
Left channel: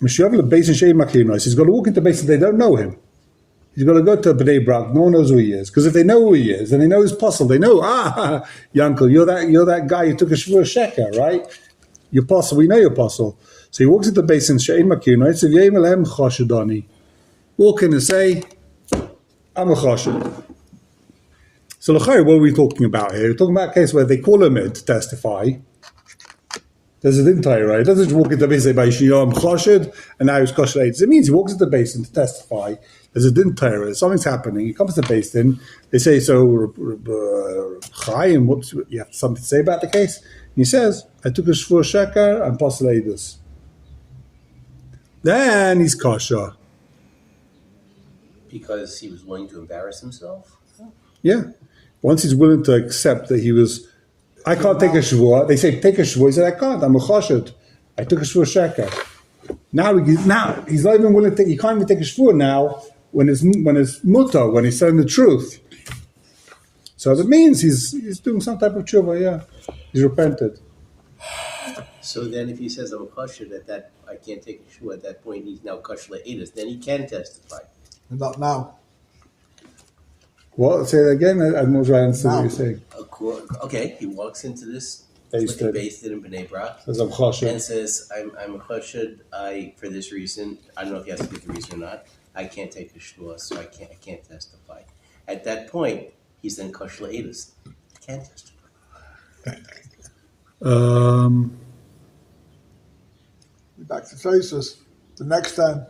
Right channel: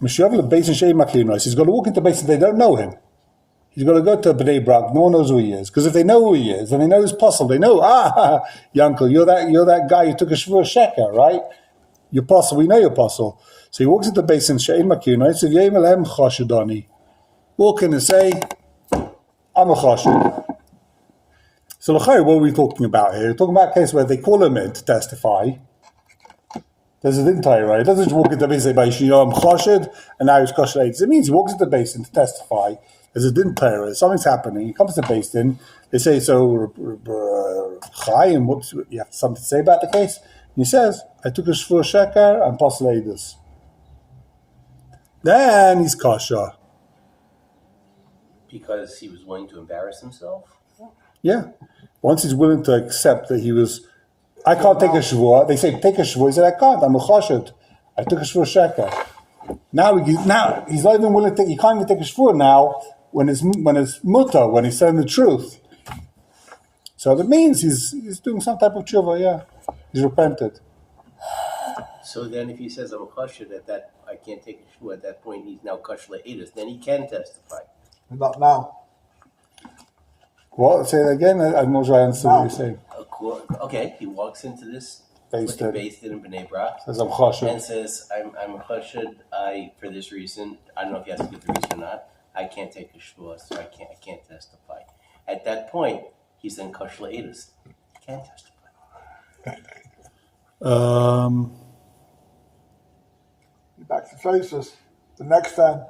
Mishiyavel basin she'ein makirnai. He's got to walk into a basin they don't know him. He's got to go to Bnei Brak. No one knows who he is. Because if they know who he is, then they know his puzzle. They know, Yankel, you're that guy who took a shvur sheker, right? Your puzzle. We know your puzzle. So he walks into the basin, She'ein Makir, right? So V'yem Elem Chashadani. Walk in and say, I'm a chashad. So l'chayr, what are we talking about here? We're talking about a case where they call him in to testify. There's a din Torah, right? It doesn't just walk into the basin and say, I'm chashad, and now he's chashad. It means he walks into the basin to testify. There's a din Torah, something's happening. He comes to the basin. They say, so, Chaim, whoops, you have something to say about the case? And he says, I took a shvur sheker and pasaledus. Then he's kasha. Because he was willing to embarrass himself? Yeah. Once he's willing to accept that he was, I can't take a shvur. They say, take a shvur. He said, I can't. I'm a chashad. I took a shvur sheker. Now he's not even willing to take, he can't even take a shvur now when it's mutter, when he's telling the truth. So that means he's doing some type of tshuva, yeah. He's repented. So then if he says I'm a kosher, that I can't take a shoe at that point, he's now kosher le'edus, then he can testify. Not now. What? Say it again? I'm not sure I understood what you're saying. Okay, he walks into this Based based in Bnei Brak Says I'm and chashad. says, I'm kosher, for this reason, I don't know if he has to give the reason or not, I can't take a shvua, so I can't testify. At that point, he's then kosher le'edus. He can't testify. Back to Tosus. The next time.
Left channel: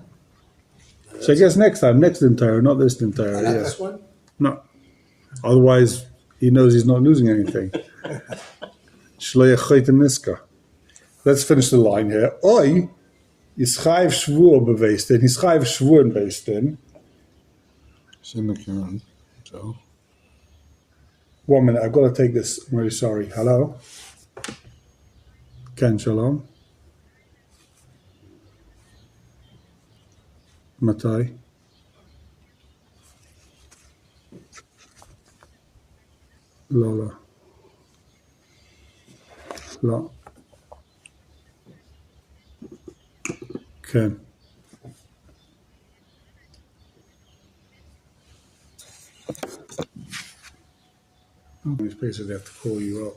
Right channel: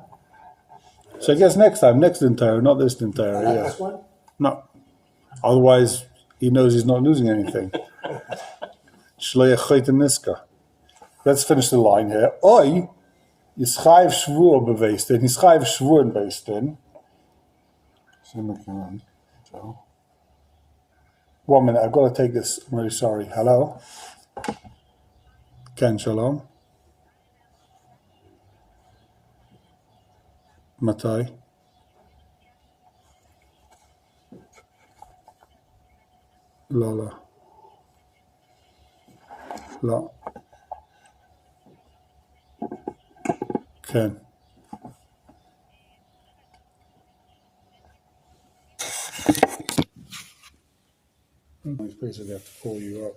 So I guess next entire, not this entire, yeah. This one? No. Otherwise, he knows he's not losing anything. Shleich chayte niska. Let's finish the line here. Oi, yischayv shvur beweist in, yischayv shvuren based in. Semicolon. So. 1 minute, I've got to take this. I'm really sorry. Hello? Ken Shalom. Matai. Lala. La. Ken. We basically have to call you up.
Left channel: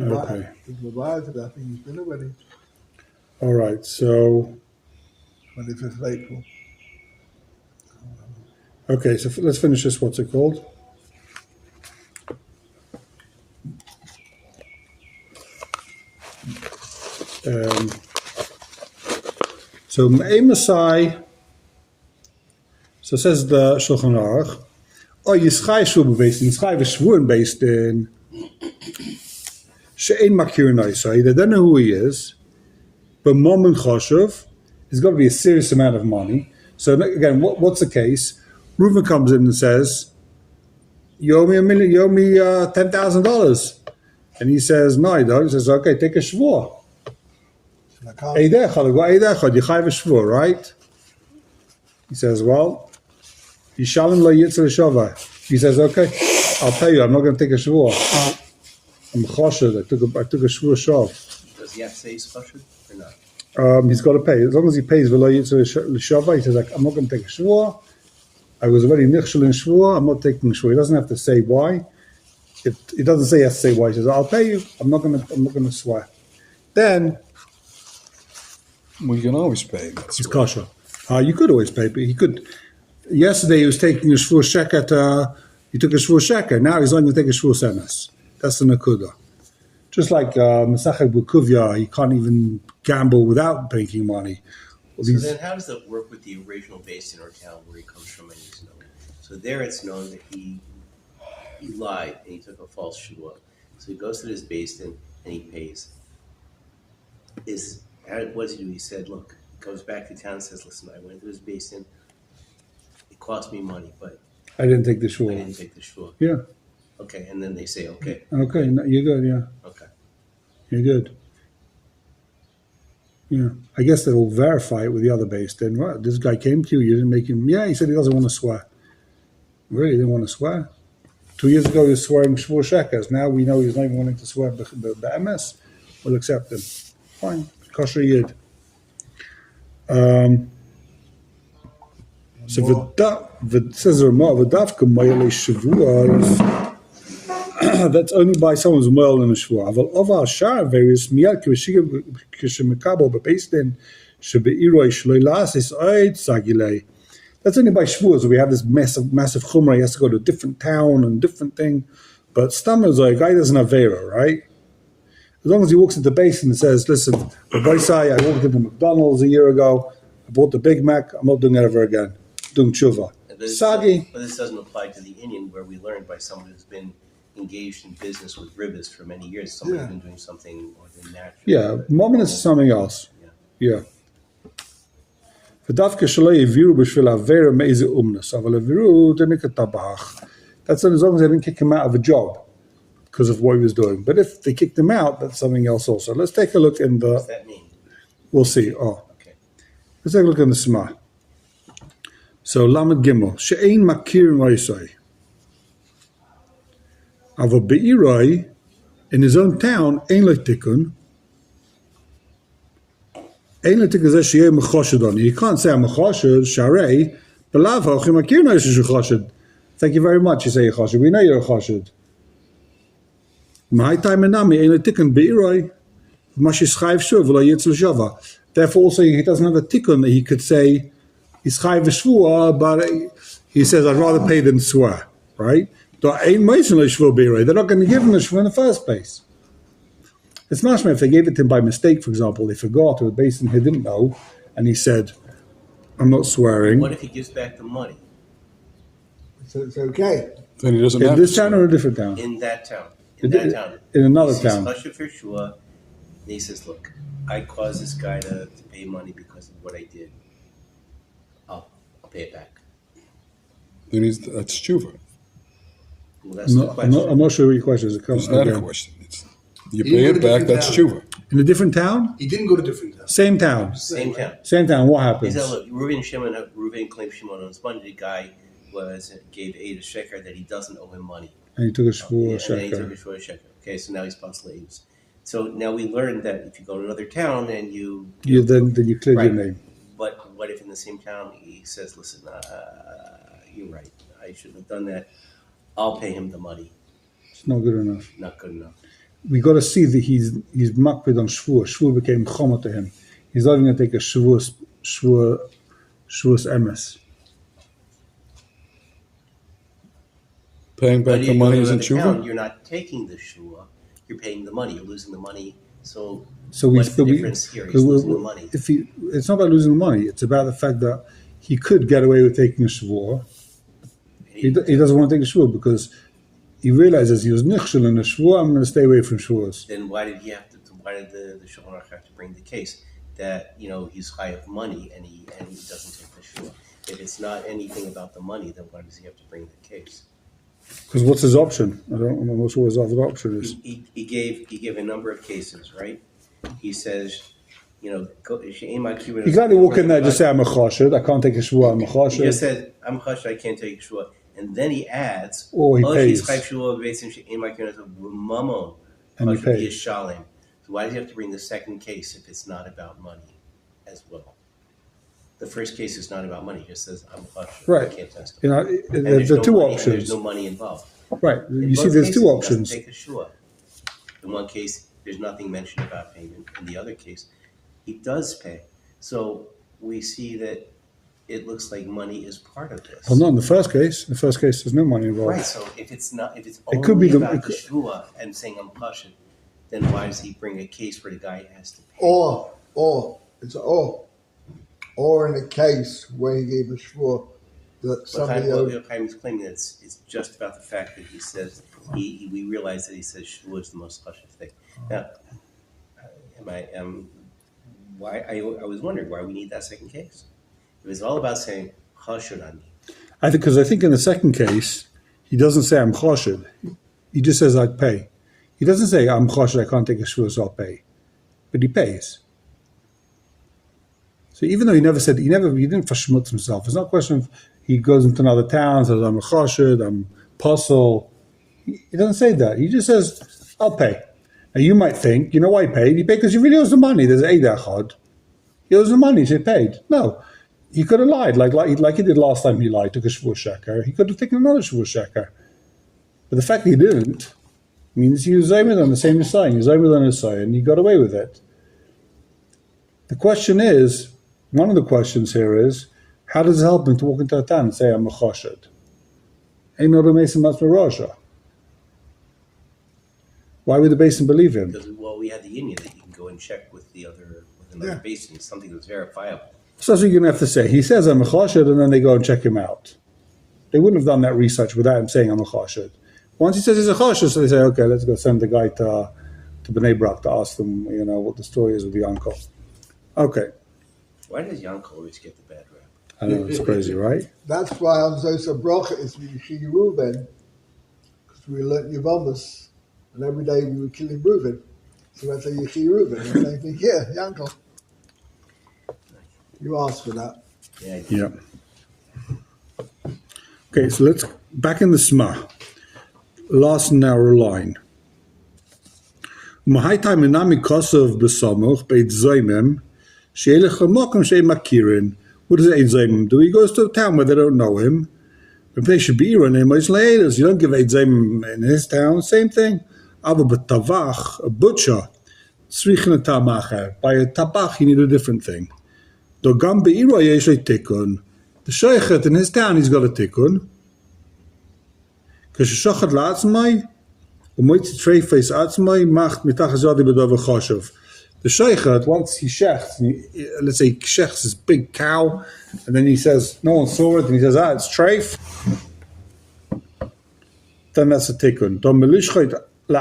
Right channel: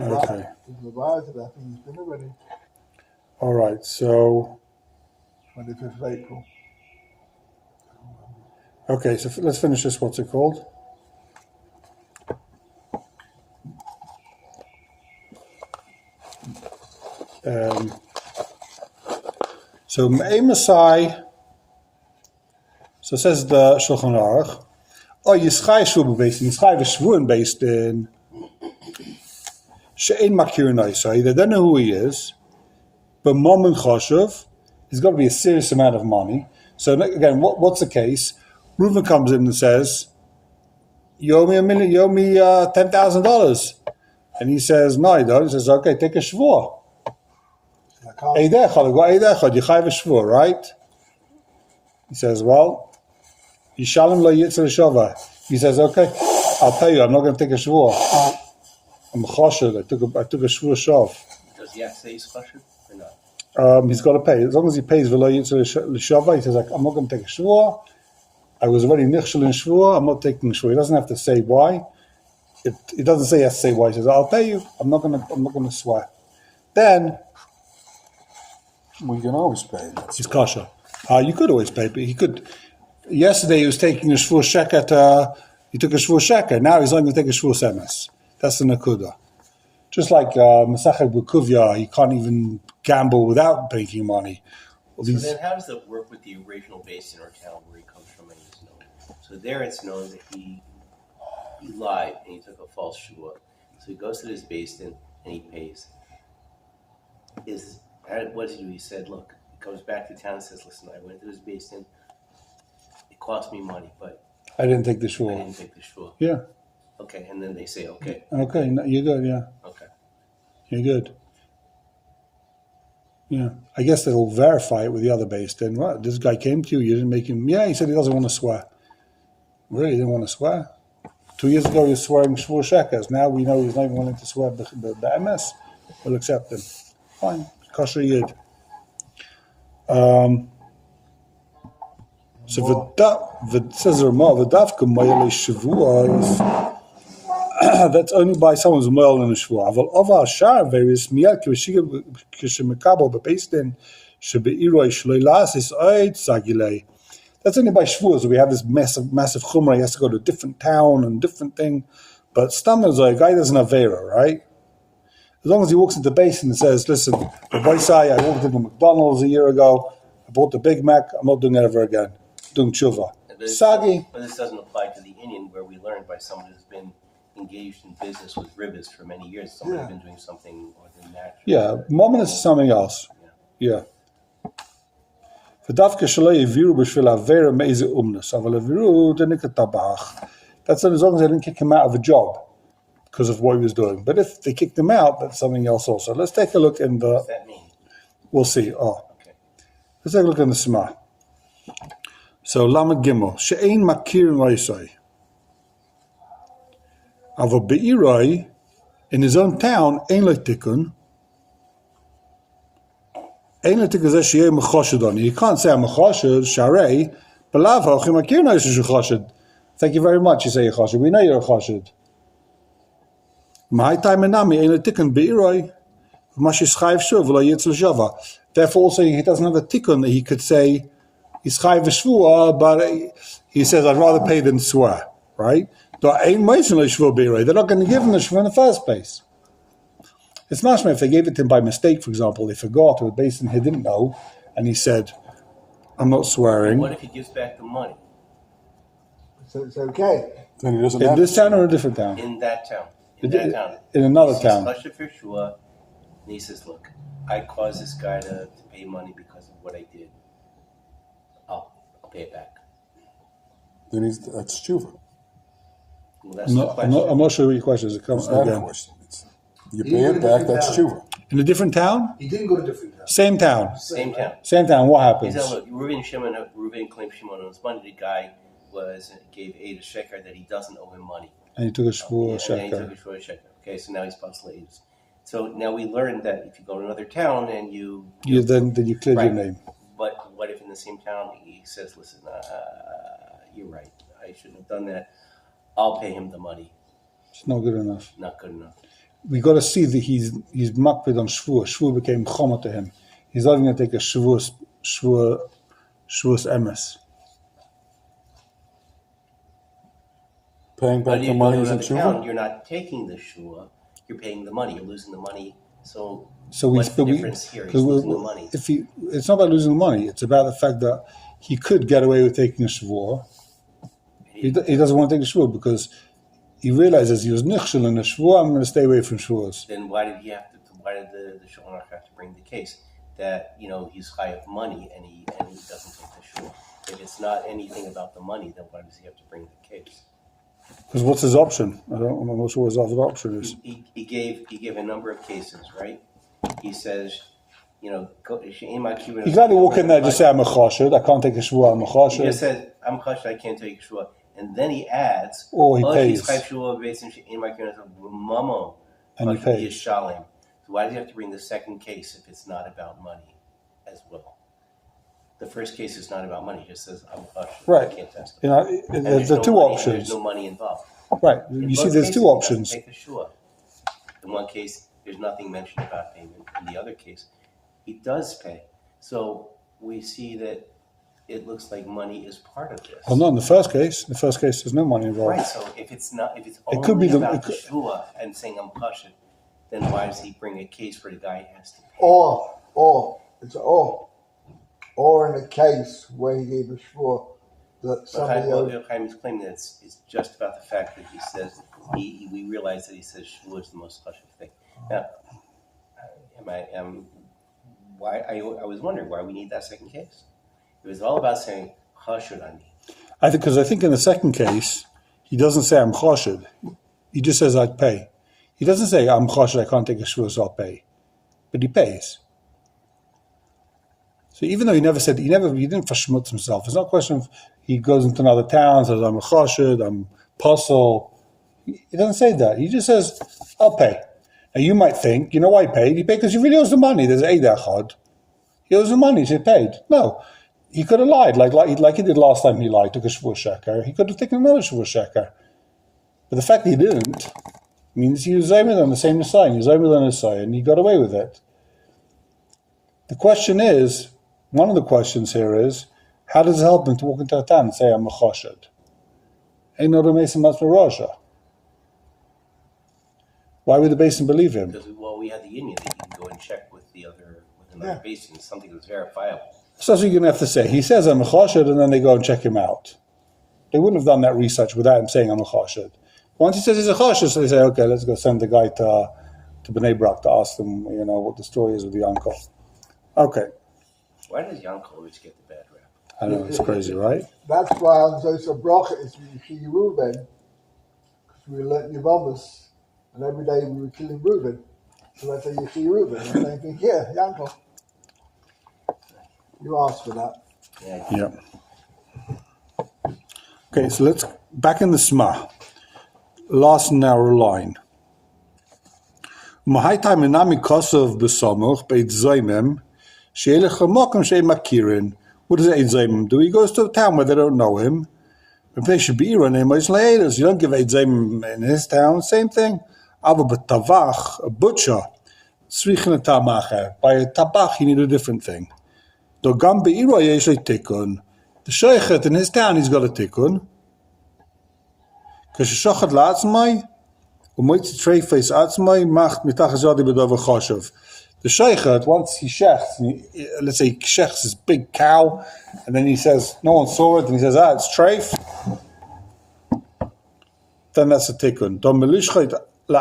Okay. He's allowed to that thing. He's been already. All right. So, 25th of April. okay. So let's finish this. What's it called? So Me'ei Masai. So says the Shulchan Aruch. Oh, Yischai Shvur based in Yischai Shvuren based in She'ein Makir Naisai. They don't know who he is, but Mammon Choshev, it's got to be a serious amount of money. So again, what's the case? Reuven comes in and says, "You owe me $10,000," and he says, "No, I don't." He says, "Okay, take a shvur." I can't. You chayv a shvur, right? He says, "Well, Yishalem lo yitzar shava." He says, "Okay, I'll tell you, I'm not going to take a shvur. I'm a choshed. I took a shvur shav." Does he have to say he's chashuv or not? He's got to pay. As long as he pays v'lo yitzar shava, he says, like, "I'm not going to take a shvur. I was already nichshel in shvur. I'm not taking shvur." He doesn't have to say why. It doesn't say he has to say why. He says, "I'll pay you. I'm not going to swear." Then We can always pay. he's kosher. You could always pay, but he could. Yesterday he was taking a shvur sheker. He took a shvur sheker. Now he's only going to take a shvur semes. That's the nakuda. Just like Masachet Bukuvya, he can't even gamble without making money. So then how does that work with the original basin or town where he comes from and he's known? So there it's known that he lied and he took a false shua. So he goes to this basin and he pays. What does he do? He said, look, he goes back to town and says, listen, I went to this basin. It cost me money, but I didn't take the I shvur. didn't take the shua. Yeah. Okay, and then they say, okay, Okay. No, you're good. Yeah. okay. You're good. Yeah. I guess they'll verify it with the other base. Then, right? This guy came to you. You didn't make him. Yeah. He said he doesn't want to swear. Really? He didn't want to swear? 2 years ago he was swearing shvur shekers. Now we know he's not even wanting to swear the MS. We'll accept him. Fine. Kosher yid. So says the Ramah, v'davka moyel shavua is that's only by someone's moyel in a shavua. Aval oval shar various miyad kishemekabo bepeistin shebeiroi shloi lasis oid sagilei. That's only by shavuos. We have this massive chumrah. He has to go to a different town and different thing. But stam is like a guy doesn't have vera, right? As long as he walks into the basin and says, "Listen, I walked into McDonald's a year ago. I bought the Big Mac. I'm not doing it ever again. Doing tshuva." Sagi. But this doesn't apply to the Indian, where we learned by someone who's been engaged in business with ribbis for many years. Someone who's been doing something more than natural. Yeah, moment is something else. Yeah. V'davka shalei yiviru b'shvil avera meize umnus. Aval yiviru denika tabach. That's as long as they didn't kick him out of a job because of what he was doing. But if they kicked him out, that's something else also. Let's take a look in the... What does that mean? We'll see. Oh. Okay. Let's take a look in the Sma. So, Lamed Gimel. She'ein makir loisai. Avo be'iroi, in his own town, ein lo tikun. Ein lo tikun zeh she'eh mechoshed on. You can't say I'm mechoshed, sharei, belav ha'ochi makir loisai shechoshed. Thank you very much, you say you're choshed. We know you're a choshed. Therefore, also he doesn't have a tikkun that he could say he's chayv v'shvua, but he says I'd rather pay than swear, right? They're not going to give him the shvua in the first place. It's mashma if they gave it to him by mistake, for example, they forgot or the basin he didn't know, and he said, "I'm not swearing." What if he gives back the money? So it's okay. Then he doesn't In have this to town swear. or a different town? In that town. In another He town. says, Chashuv for Shua, and he says, look, I caused this guy to pay money because of what I did. I'll pay it back. Then that's tshuva. Well, that's the question. I'm not sure what your question is. It comes It's not a again. question. You pay it back, that's tshuva. In a different town? He didn't go to different towns. Same town. Same town. Same town. What He happens? said, look, Reuven claims Shimon owns money. The guy gave Aid a sheker that he doesn't owe him money. And he took a And shvur then he took sheker. a shvur sheker. Okay, so now he's possible Aid's. So now we learned that if you go to another town and Then you cleared your Right. name. But what if in the same town he says, listen, you're right. I shouldn't have done that. I'll pay him the money. It's not good enough. Not good enough. We got to see that he's makpid on shvur. Shvur became chama to him. He's not even going to take a shvur's emes. Paying But back if the you go money to isn't another town, tshuva? you're not taking the shua. You're paying the money. You're losing the money. So So what's the difference here? He's losing the money. It's not about losing the money. It's about the fact that he could get away with taking a shvur. He doesn't want to take a shvur because he realizes he was nichshel in a shvur. I'm going to stay away from shvurs. Then why did he have to? Why did the Shulchan Aruch have to bring the case? that he's high of money and he doesn't take the shul. If it's not anything about the money, then why does he have to bring the case? Because what's his option? I'm not sure what his other option is. He gave a number of cases, right? He says, You can only walk in there and just say, I'm a chashed, I can't take a shvua, I'm a chashed. He just said, I'm chashed, I can't take a shvua. And then he adds, Or he pays. And he pays. So why does he have to bring the second case if it's not about money as well? The first case is not about money. He just says, I'm chashed, Right. I can't test. There's the two money, options. There's no money involved. Right. In You see, both there's cases, two he options. doesn't take a shua. In one case, there's nothing mentioned about payment. In the other case, he does pay. So we see that it looks like money is part of this. Well, not in the first case. In the first case, there's no money involved. Right. So if it's only could be about the shua and saying I'm chashed, then why does he bring a case where the guy has to pay? It's or in a case where he gave a shvur that somebody owed. Chaim's claiming that it's just about the fact that he says we realize that he says shua is the most chashed thing. Now, I was wondering why we need that second case. It was all about saying chashud ani. I think in the second case, he doesn't say I'm chashed. He just says I'd pay. He doesn't say I'm chashed, I can't take a shvur, so I'll pay. But he pays. So even though he didn't verschmutz himself. It's not a question of he goes into another town, says I'm a chashed, I'm puzzle. He doesn't say that. He just says, I'll pay. Now you might think, you know why he paid? He paid because he really owes the money. There's Eid Echad. He owes the money, so he paid. No. He could have lied, like he did last time he lied, took a shvur sheker. He could have taken another shvur sheker. But the fact that he didn't means he was Zaymed on the same sign. He was Zaymed on his side, and he got away with it. The question is, one of the questions here is, how does it help him to walk into a town and say, I'm a chashed? Ain't no Mason must be Raja. Why would the basin believe him? Because we had the union that you can go and check with another basin, something that's verifiable. So that's what you're going to have to say. He says, I'm a chashed, and then they go and check him out. They wouldn't have done that research without him saying, I'm a chashed. Once he says he's a chashed, so they say, okay, let's go send the guy to Bnei Brak to ask them, what the story is with the uncle. Okay. Why does Yankel always get the bad rap? I know, it's crazy, right? That's why on Zosa Bracha is Yichi Reuven, because we learnt Yavamas, and every day we were killing Reuven. So that's a Yichi Reuven. And they think, yeah, Yankel. You asked for that. Yeah. Okay, so let's back in the Sma. Last narrow line. Mahaitai menami kosov besamoch beit zaymim she'elech hamokim she'em makirin. What does Eid Zaymim do? He goes to a town where they don't know him. If they should be running him, it's later. You don't give Eid Zaymim in his town. Same thing. Ava b'tavach, a butcher, tzrichin tamacher. By a tabach, you need a different thing. Do gam be'iro yesh tikun. The sheichet in his town, he's got a tikun. Because shochet la'atzmai, u'moitzi treifes atzmai, macht mitach zadi b'dov choshev. The sheichet, once he shechts, let's say he shechts his big cow, and then he says, no one saw it, and he says, it's treif, then that's a tikkun. They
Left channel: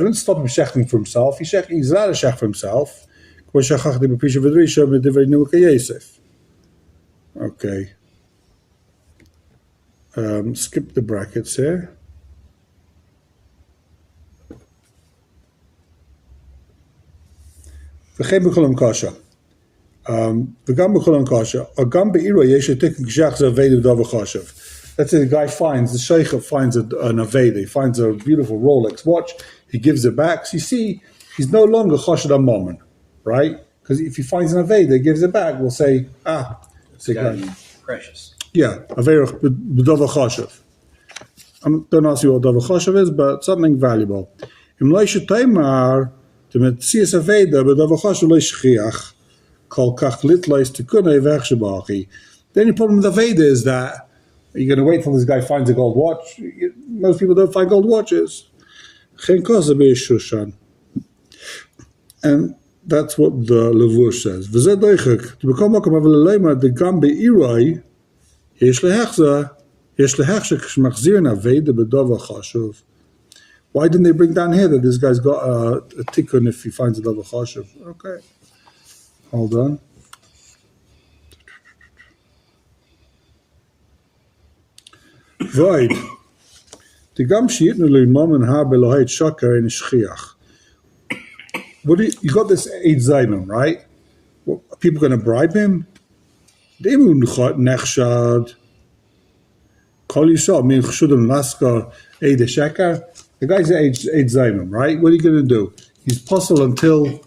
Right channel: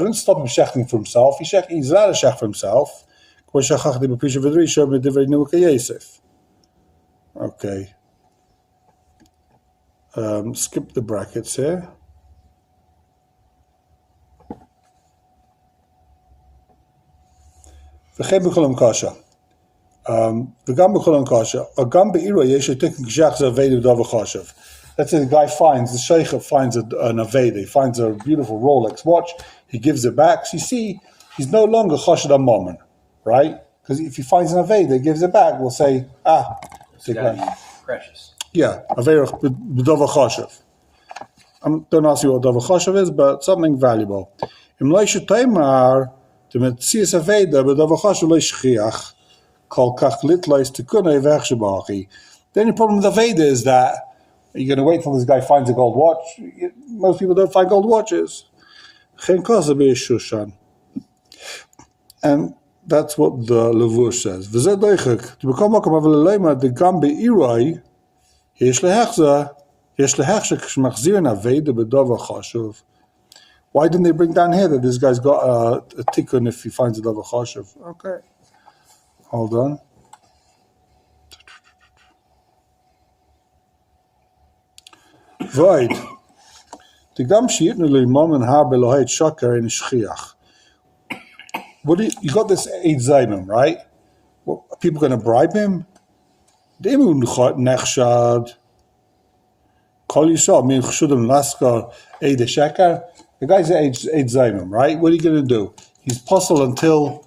don't stop him shechting for himself. He's allowed to shech for himself. Okay. Skip the brackets here. V'chein b'cholam kasha. V'gam b'cholam kasha. Agam be'iro yesh etik g'shach z'aveda v'dav chashav. Let's say the guy finds, the sheikh finds an aveda, he finds a beautiful Rolex watch, he gives it back. So you see, he's no longer chashad amman, right? Because if he finds an aveda, he gives it back, we'll say, It's got to be precious. Yeah, aveda v'dav chashav. Don't ask you what davar chashav is, but something valuable. Im leisha taimar, the metzias aveda b'davar chashav leishchiach, kol kach litleis tikunei v'echshabachi. The only problem with aveda is that you're going to wait till this guy finds a gold watch. Most people don't find gold watches. And that's what the Levur says. To become the Gambi Irai, Why didn't they bring down here that this guy's got a tikkun if he finds another choshev? Okay. Hold on. Void. The gam shiitnu limam and har belohait shakar in shchiach. What you got this Eid Zayman, right? What, are people going to bribe him? They won't nechshad. Call yourself, min chshudim laskar Eid Shakar. The guy's Eid Zayman, right? What are you going to do? He's puzzled until.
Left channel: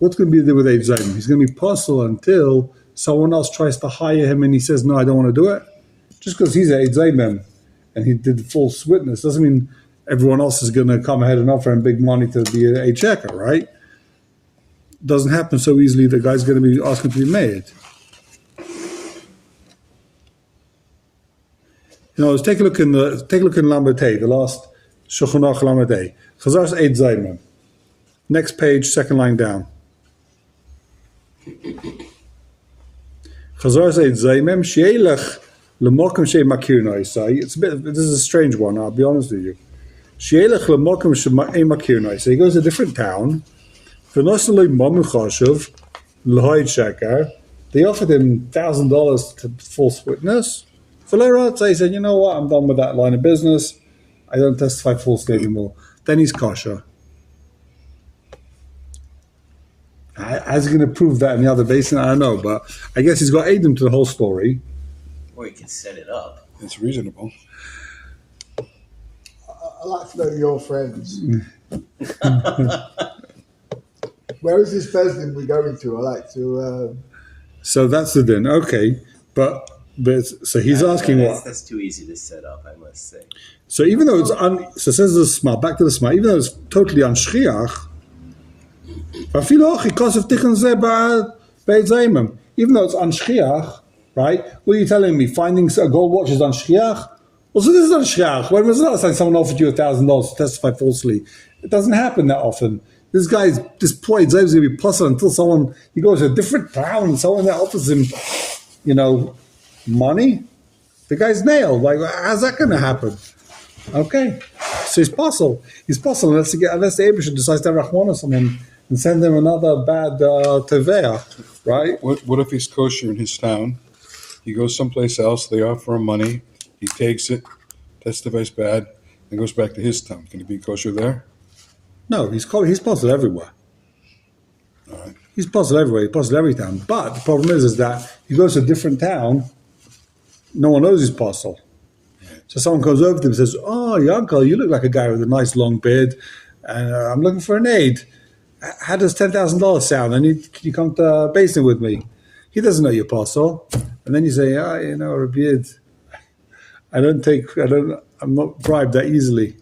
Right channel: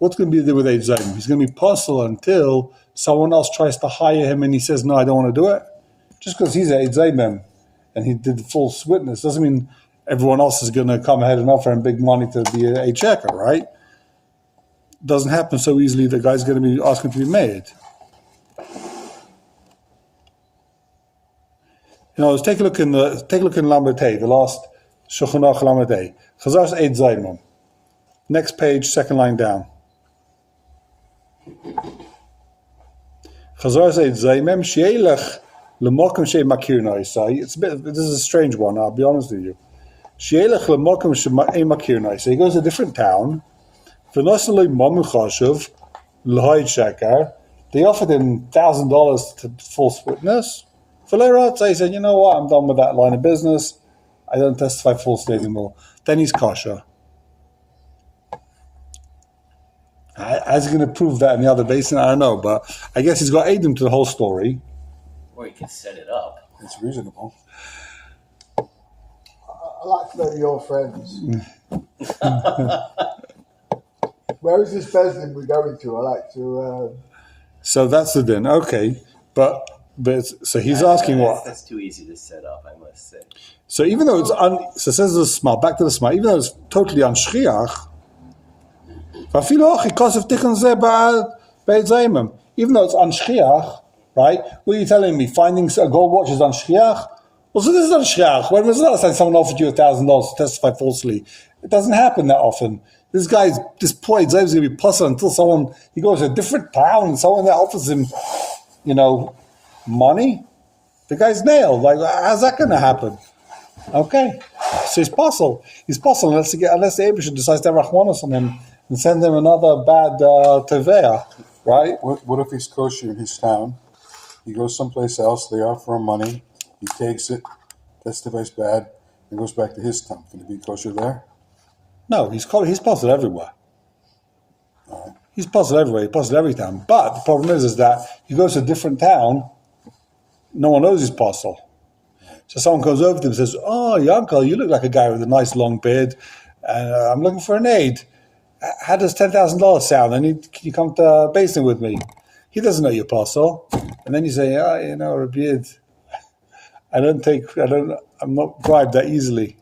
What's going to be there with Eid Zayman? He's going to be puzzled until someone else tries to hire him and he says, no, I don't want to do it. Just because he's Eid Zayman and he did the false witness doesn't mean everyone else is going to come ahead and offer him big money to be a checker, right? Doesn't happen so easily. The guy's going to be asking to be made. Let's take a look in Lamed, the last Shulchan Aruch Lamed. Chazar's Eid Zayman. Next page, second line down. Chazar's Eid Zayman she'elech lemokim she'makir noisai. This is a strange one. I'll be honest with you. She'elech lemokim she'makir noisai. He goes to a different town. V'nosalei mamu chashuv l'hoid shakar. They offered him $1,000 to false witness. So he said, you know what, I'm done with that line of business. I don't testify falsely anymore. Then he's kosher. How's he going to prove that in the other basin? I don't know, but I guess he's got Adam to the whole story. Or he can set it up. It's reasonable. I like to know your friends. Where is this Bezdin we're going to? I like to... So that's the din. Okay. But so he's asking what? That's too easy to set up, I must say. So even though it's so says the smart, back to the smart, even though it's totally unshchiach, even though it's unshchiach, right? What are you telling me? Finding a gold watch is unshchiach? Well, so this is unshchiach. When was the last time someone offered you $1,000 to testify falsely? It doesn't happen that often. This poor Zayim is going to be puzzled until he goes to a different town and someone that offers him, money. The guy's nailed. Like, how's that going to happen? Okay, so he's puzzled. He's puzzled unless the Abishah decides to have Rachmanis on him and send him another bad teveah, right? What if he's kosher in his town? He goes someplace else. They offer him money. He takes it, testifies bad, and goes back to his town. Can he be kosher there? No, he's puzzled everywhere. All right. He's puzzled everywhere. He's puzzled every town. But the problem is that he goes to a different town. No one knows he's puzzled. So someone goes over to him and says, "Oh, your uncle, you look like a guy with a nice long beard, and I'm looking for an aid. How does $10,000 sound? Can you come to Basin with me?" He doesn't know you're puzzled. And then you say, Rabbi, I'm not bribed that easily.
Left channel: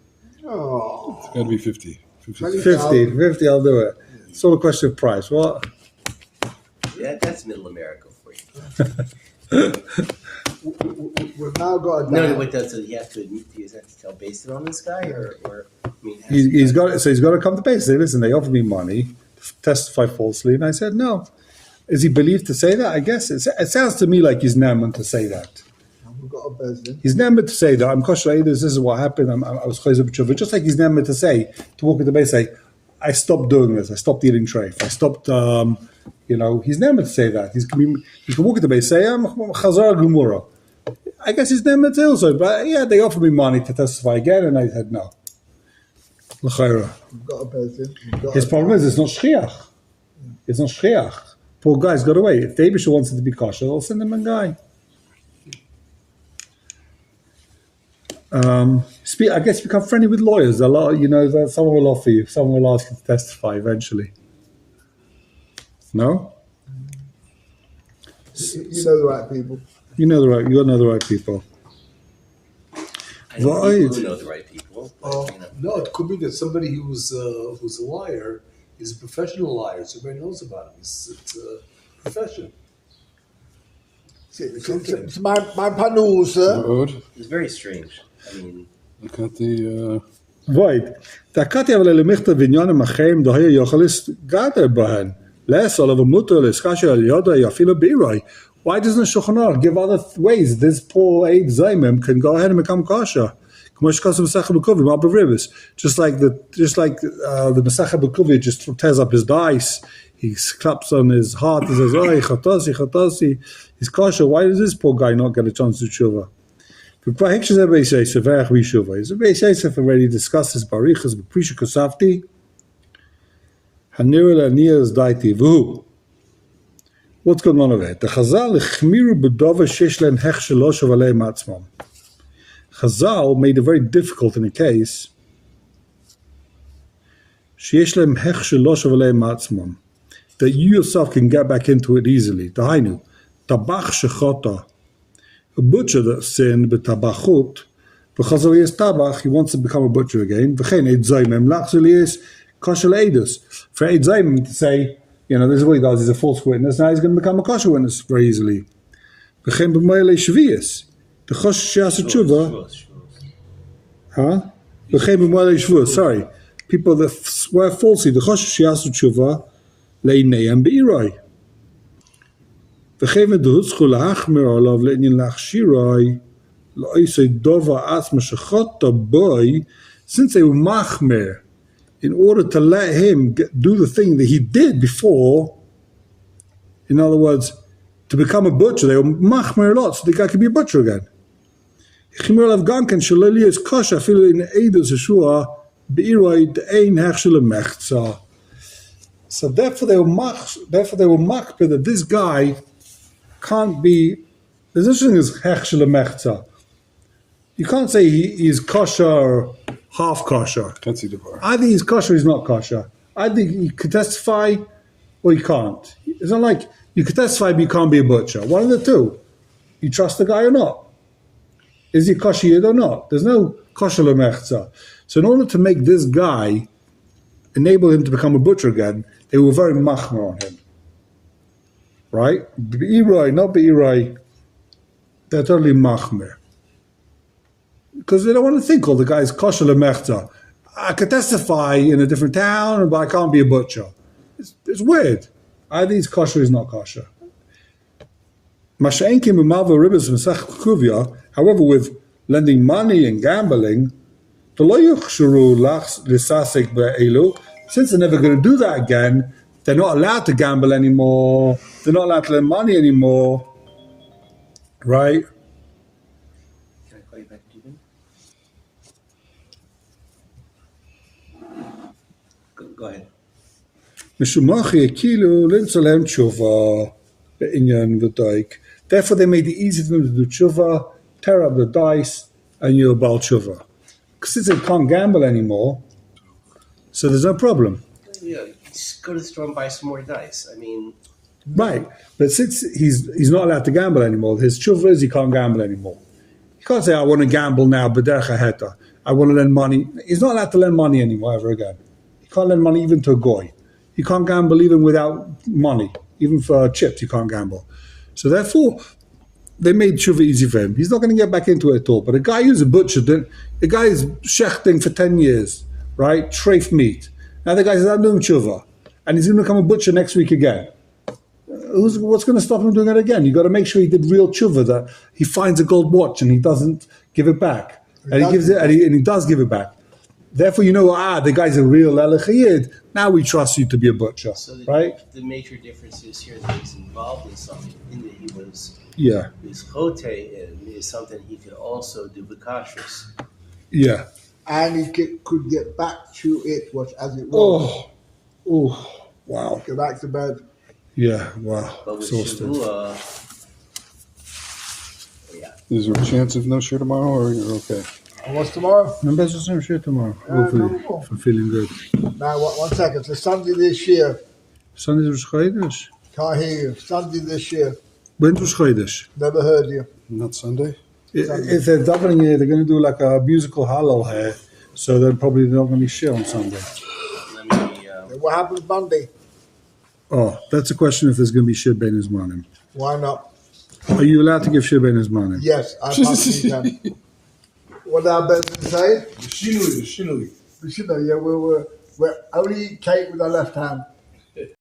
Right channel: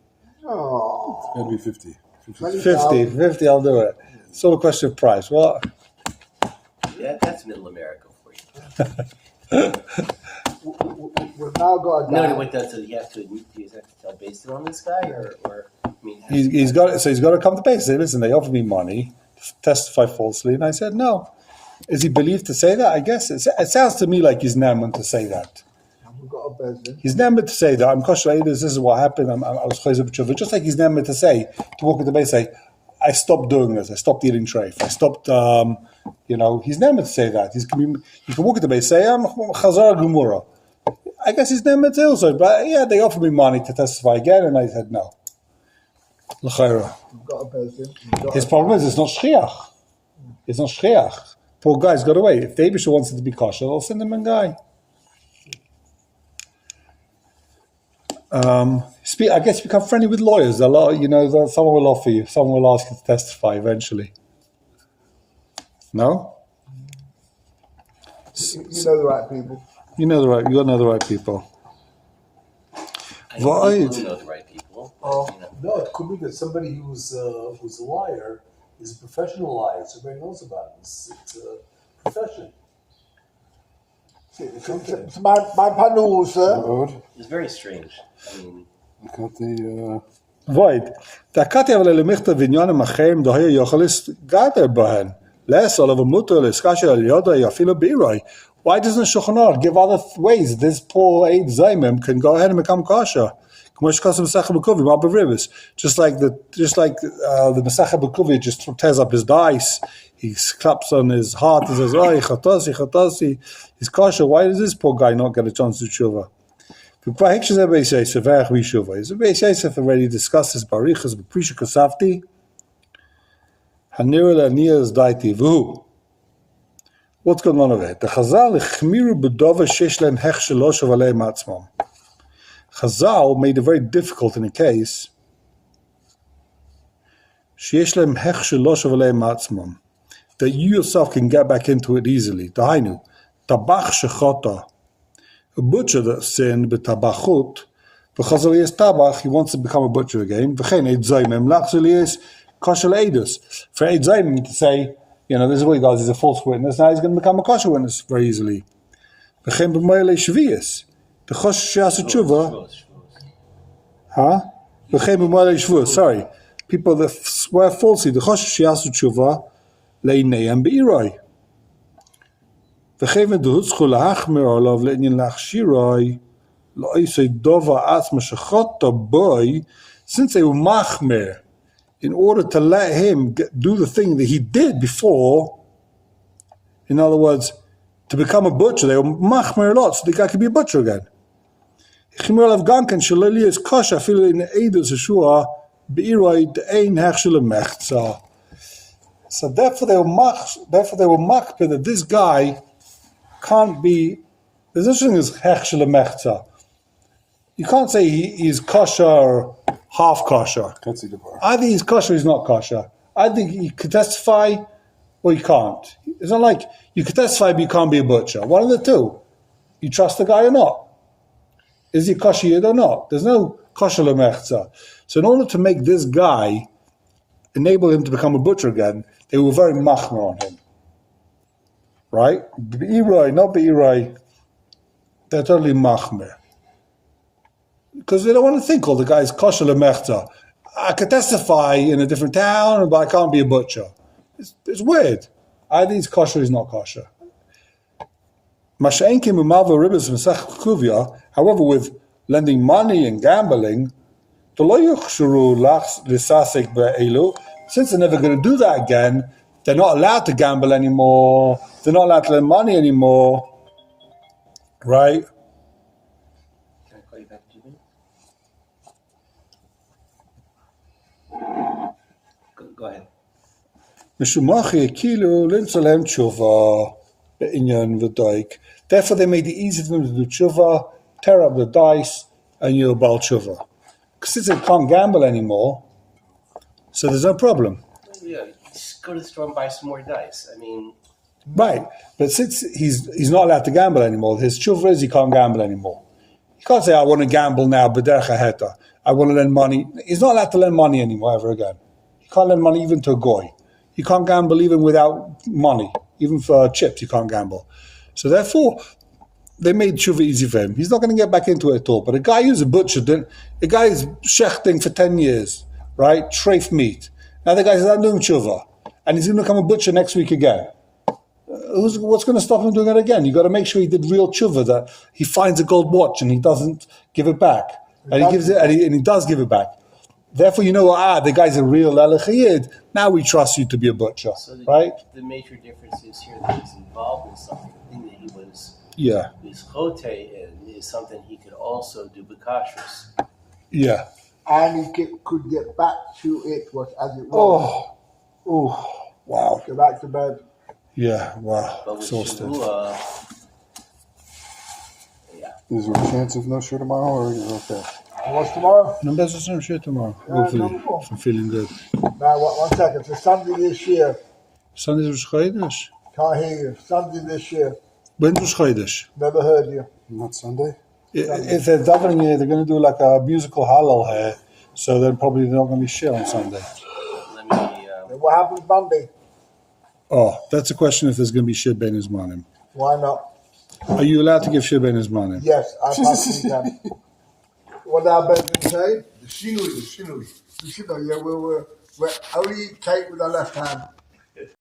Oh. It's got to be 50. 50, I'll do it. It's all a question of price. What? Yeah, that's Middle America for you. We've now got a No, wait, does he have to tell based on this guy, or I mean, He's got to come to base. Say, listen, they offered me money to testify falsely, and I said no. Is he believed to say that? I guess it sounds to me like he's now meant to say that. We've got a Bezdin. He's now meant to say that I'm kosher. This is what happened. I was chayzer b'tshuva. Just like he's now meant to walk into the base, say, I stopped doing this. I stopped eating treif. I stopped. He's now meant to say that. He can walk into the base, say, I'm chazar gemura. I guess he's never to also, but yeah, they offered me money to testify again, and I said no. L'chayra. We've got a Bezdin. His problem is it's not shchiach. It's not shchiach. Poor guy's got away. If the Abishah wants it to be kosher, they'll send him a guy. I guess become friendly with lawyers. Someone will offer you. Someone will ask you to testify eventually. No? You know the right people. You know the right people. I know Right. people who know the right people. Oh. No, it could be that somebody who's a liar is a professional liar, so everybody knows about him. It's a profession. It's my panu, sir. Good. It's very strange. I mean, Look at the... Void. Da kati aber le michte vinyanim achem da hier yochalis gader bahen. Less all of a mutter is kasher yoda yafilo birai. Why doesn't Shulchan Aruch give other ways? This poor Eid Zaymim can go ahead and become kosher. Just like the Masach B'Kuvia just tears up his dice. He claps on his heart. He says, "Oh, chatasi." He's kosher. Why does this poor guy not get a chance to tshuva? I've already discussed this. Barichas b'prisha kasafti. Hanira lanias daiti v'hu. What's going on over there? The Chazal chmiru b'dova shesh lehem hech shelosh v'aleim atzmam. Chazal made it very difficult in a case. Shesh lehem hech shelosh v'aleim atzmam. That you yourself can get back into it easily. Dahainu, tabach shechota. A butcher that sinned b'tabachut, because of his tabach, he wants to become a butcher again. V'chein eid zaymim lachzelies kosher leidus. For eid zaymim to say, this is what he does. He's a false witness. Now he's going to become a kosher witness very easily. V'chein b'moyle shvius. The kosher she'asu tshuva. Huh? V'chein b'moyle shvuos. Sorry, people that swear falsely. The kosher she'asu tshuva leineim be'iroi. V'chein v'duhutzchu la'achmir olav le'inyin la'achshiroi la'isei dova atzma shechota boy, since they were machmir, in order to let him do the thing that he did before. In other words, to become a butcher, they were machmir a lot, so the guy could be a butcher again. Chimir olav ganken shaleli is kosher afilu in eidos yeshua be'iroi de'ein hechshel mechza. So therefore they were machmir that this guy can't be. There's no such thing as hechshel mechza. You can't say he is kosher or half kosher. Either he's kosher or he's not kosher. Either he could testify or he can't. It's not like you could testify but you can't be a butcher. One of the two. You trust the guy or not? Is he kosher yid or not? There's no kosher lemechza. So in order to make this guy, enable him to become a butcher again, they were very machmer on him. Right? Be'iroi, not be'iroi. They're totally machmer. Because they don't want to think, the guy's kosher lemechza. I could testify in a different town, but I can't be a butcher. It's weird. Either he's kosher or he's not kosher. However, with lending money and gambling, since they're never going to do that again, they're not allowed to gamble anymore. They're not allowed to lend money anymore. Right? Can I call you back, Jimmy? Go ahead. Therefore, they made it easy for them to do tshuva, tear up the dice, and you're bal tshuva. Because since they can't gamble anymore, so there's no problem. Yeah, just go to the store and buy some more dice. I mean, right. But since he's not allowed to gamble anymore, his tshuva is he can't gamble anymore. He can't say, I want to gamble now, b'derech ha'heta. I want to lend money. He's not allowed to lend money anymore ever again. He can't lend money even to a goy. He can't gamble even without money. Even for chips, he can't gamble. So therefore, they made tshuva easy for him. He's not going to get back into it at all. But a guy who's a butcher, the guy is shechting for 10 years, right? Treif meat. Now the guy says, I'm doing tshuva. And he's going to become a butcher next week again. What's going to stop him doing it again? You've got to make sure he did real tshuva, that he finds a gold watch and he doesn't give it back. And he gives it, and he does give it back. Therefore, the guy's a real elechiyid. Now we trust you to be a butcher, so right? The major difference is here that he's involved in something that he was chote in is something he could also do b'kashrus. Yeah. And he could get back to it as it was. Oh, wow. Go back to bed. Yeah, wow. But with exhausted. Shavua, Is there a chance of no show tomorrow, or you're okay? What's tomorrow? No, there's no show tomorrow. Hopefully, if I'm feeling good. Now, one second. So Sunday this year. Sunday's Rosh Chodesh. Can't hear you. Sunday this year. When's Rosh Chodesh? Never heard you. Not Sunday? If they're davening here, they're going to do like a musical hallel here, so they're probably not going to be shit on Sunday. What happens Monday? Oh, that's a question if there's going to be shit ben Uzmanim. Why not? Are you allowed to give shit ben Uzmanim? Yes, I possibly can. What did our Benjamin say? The shinui. The shinui, yeah, we're only eat cake with our left hand.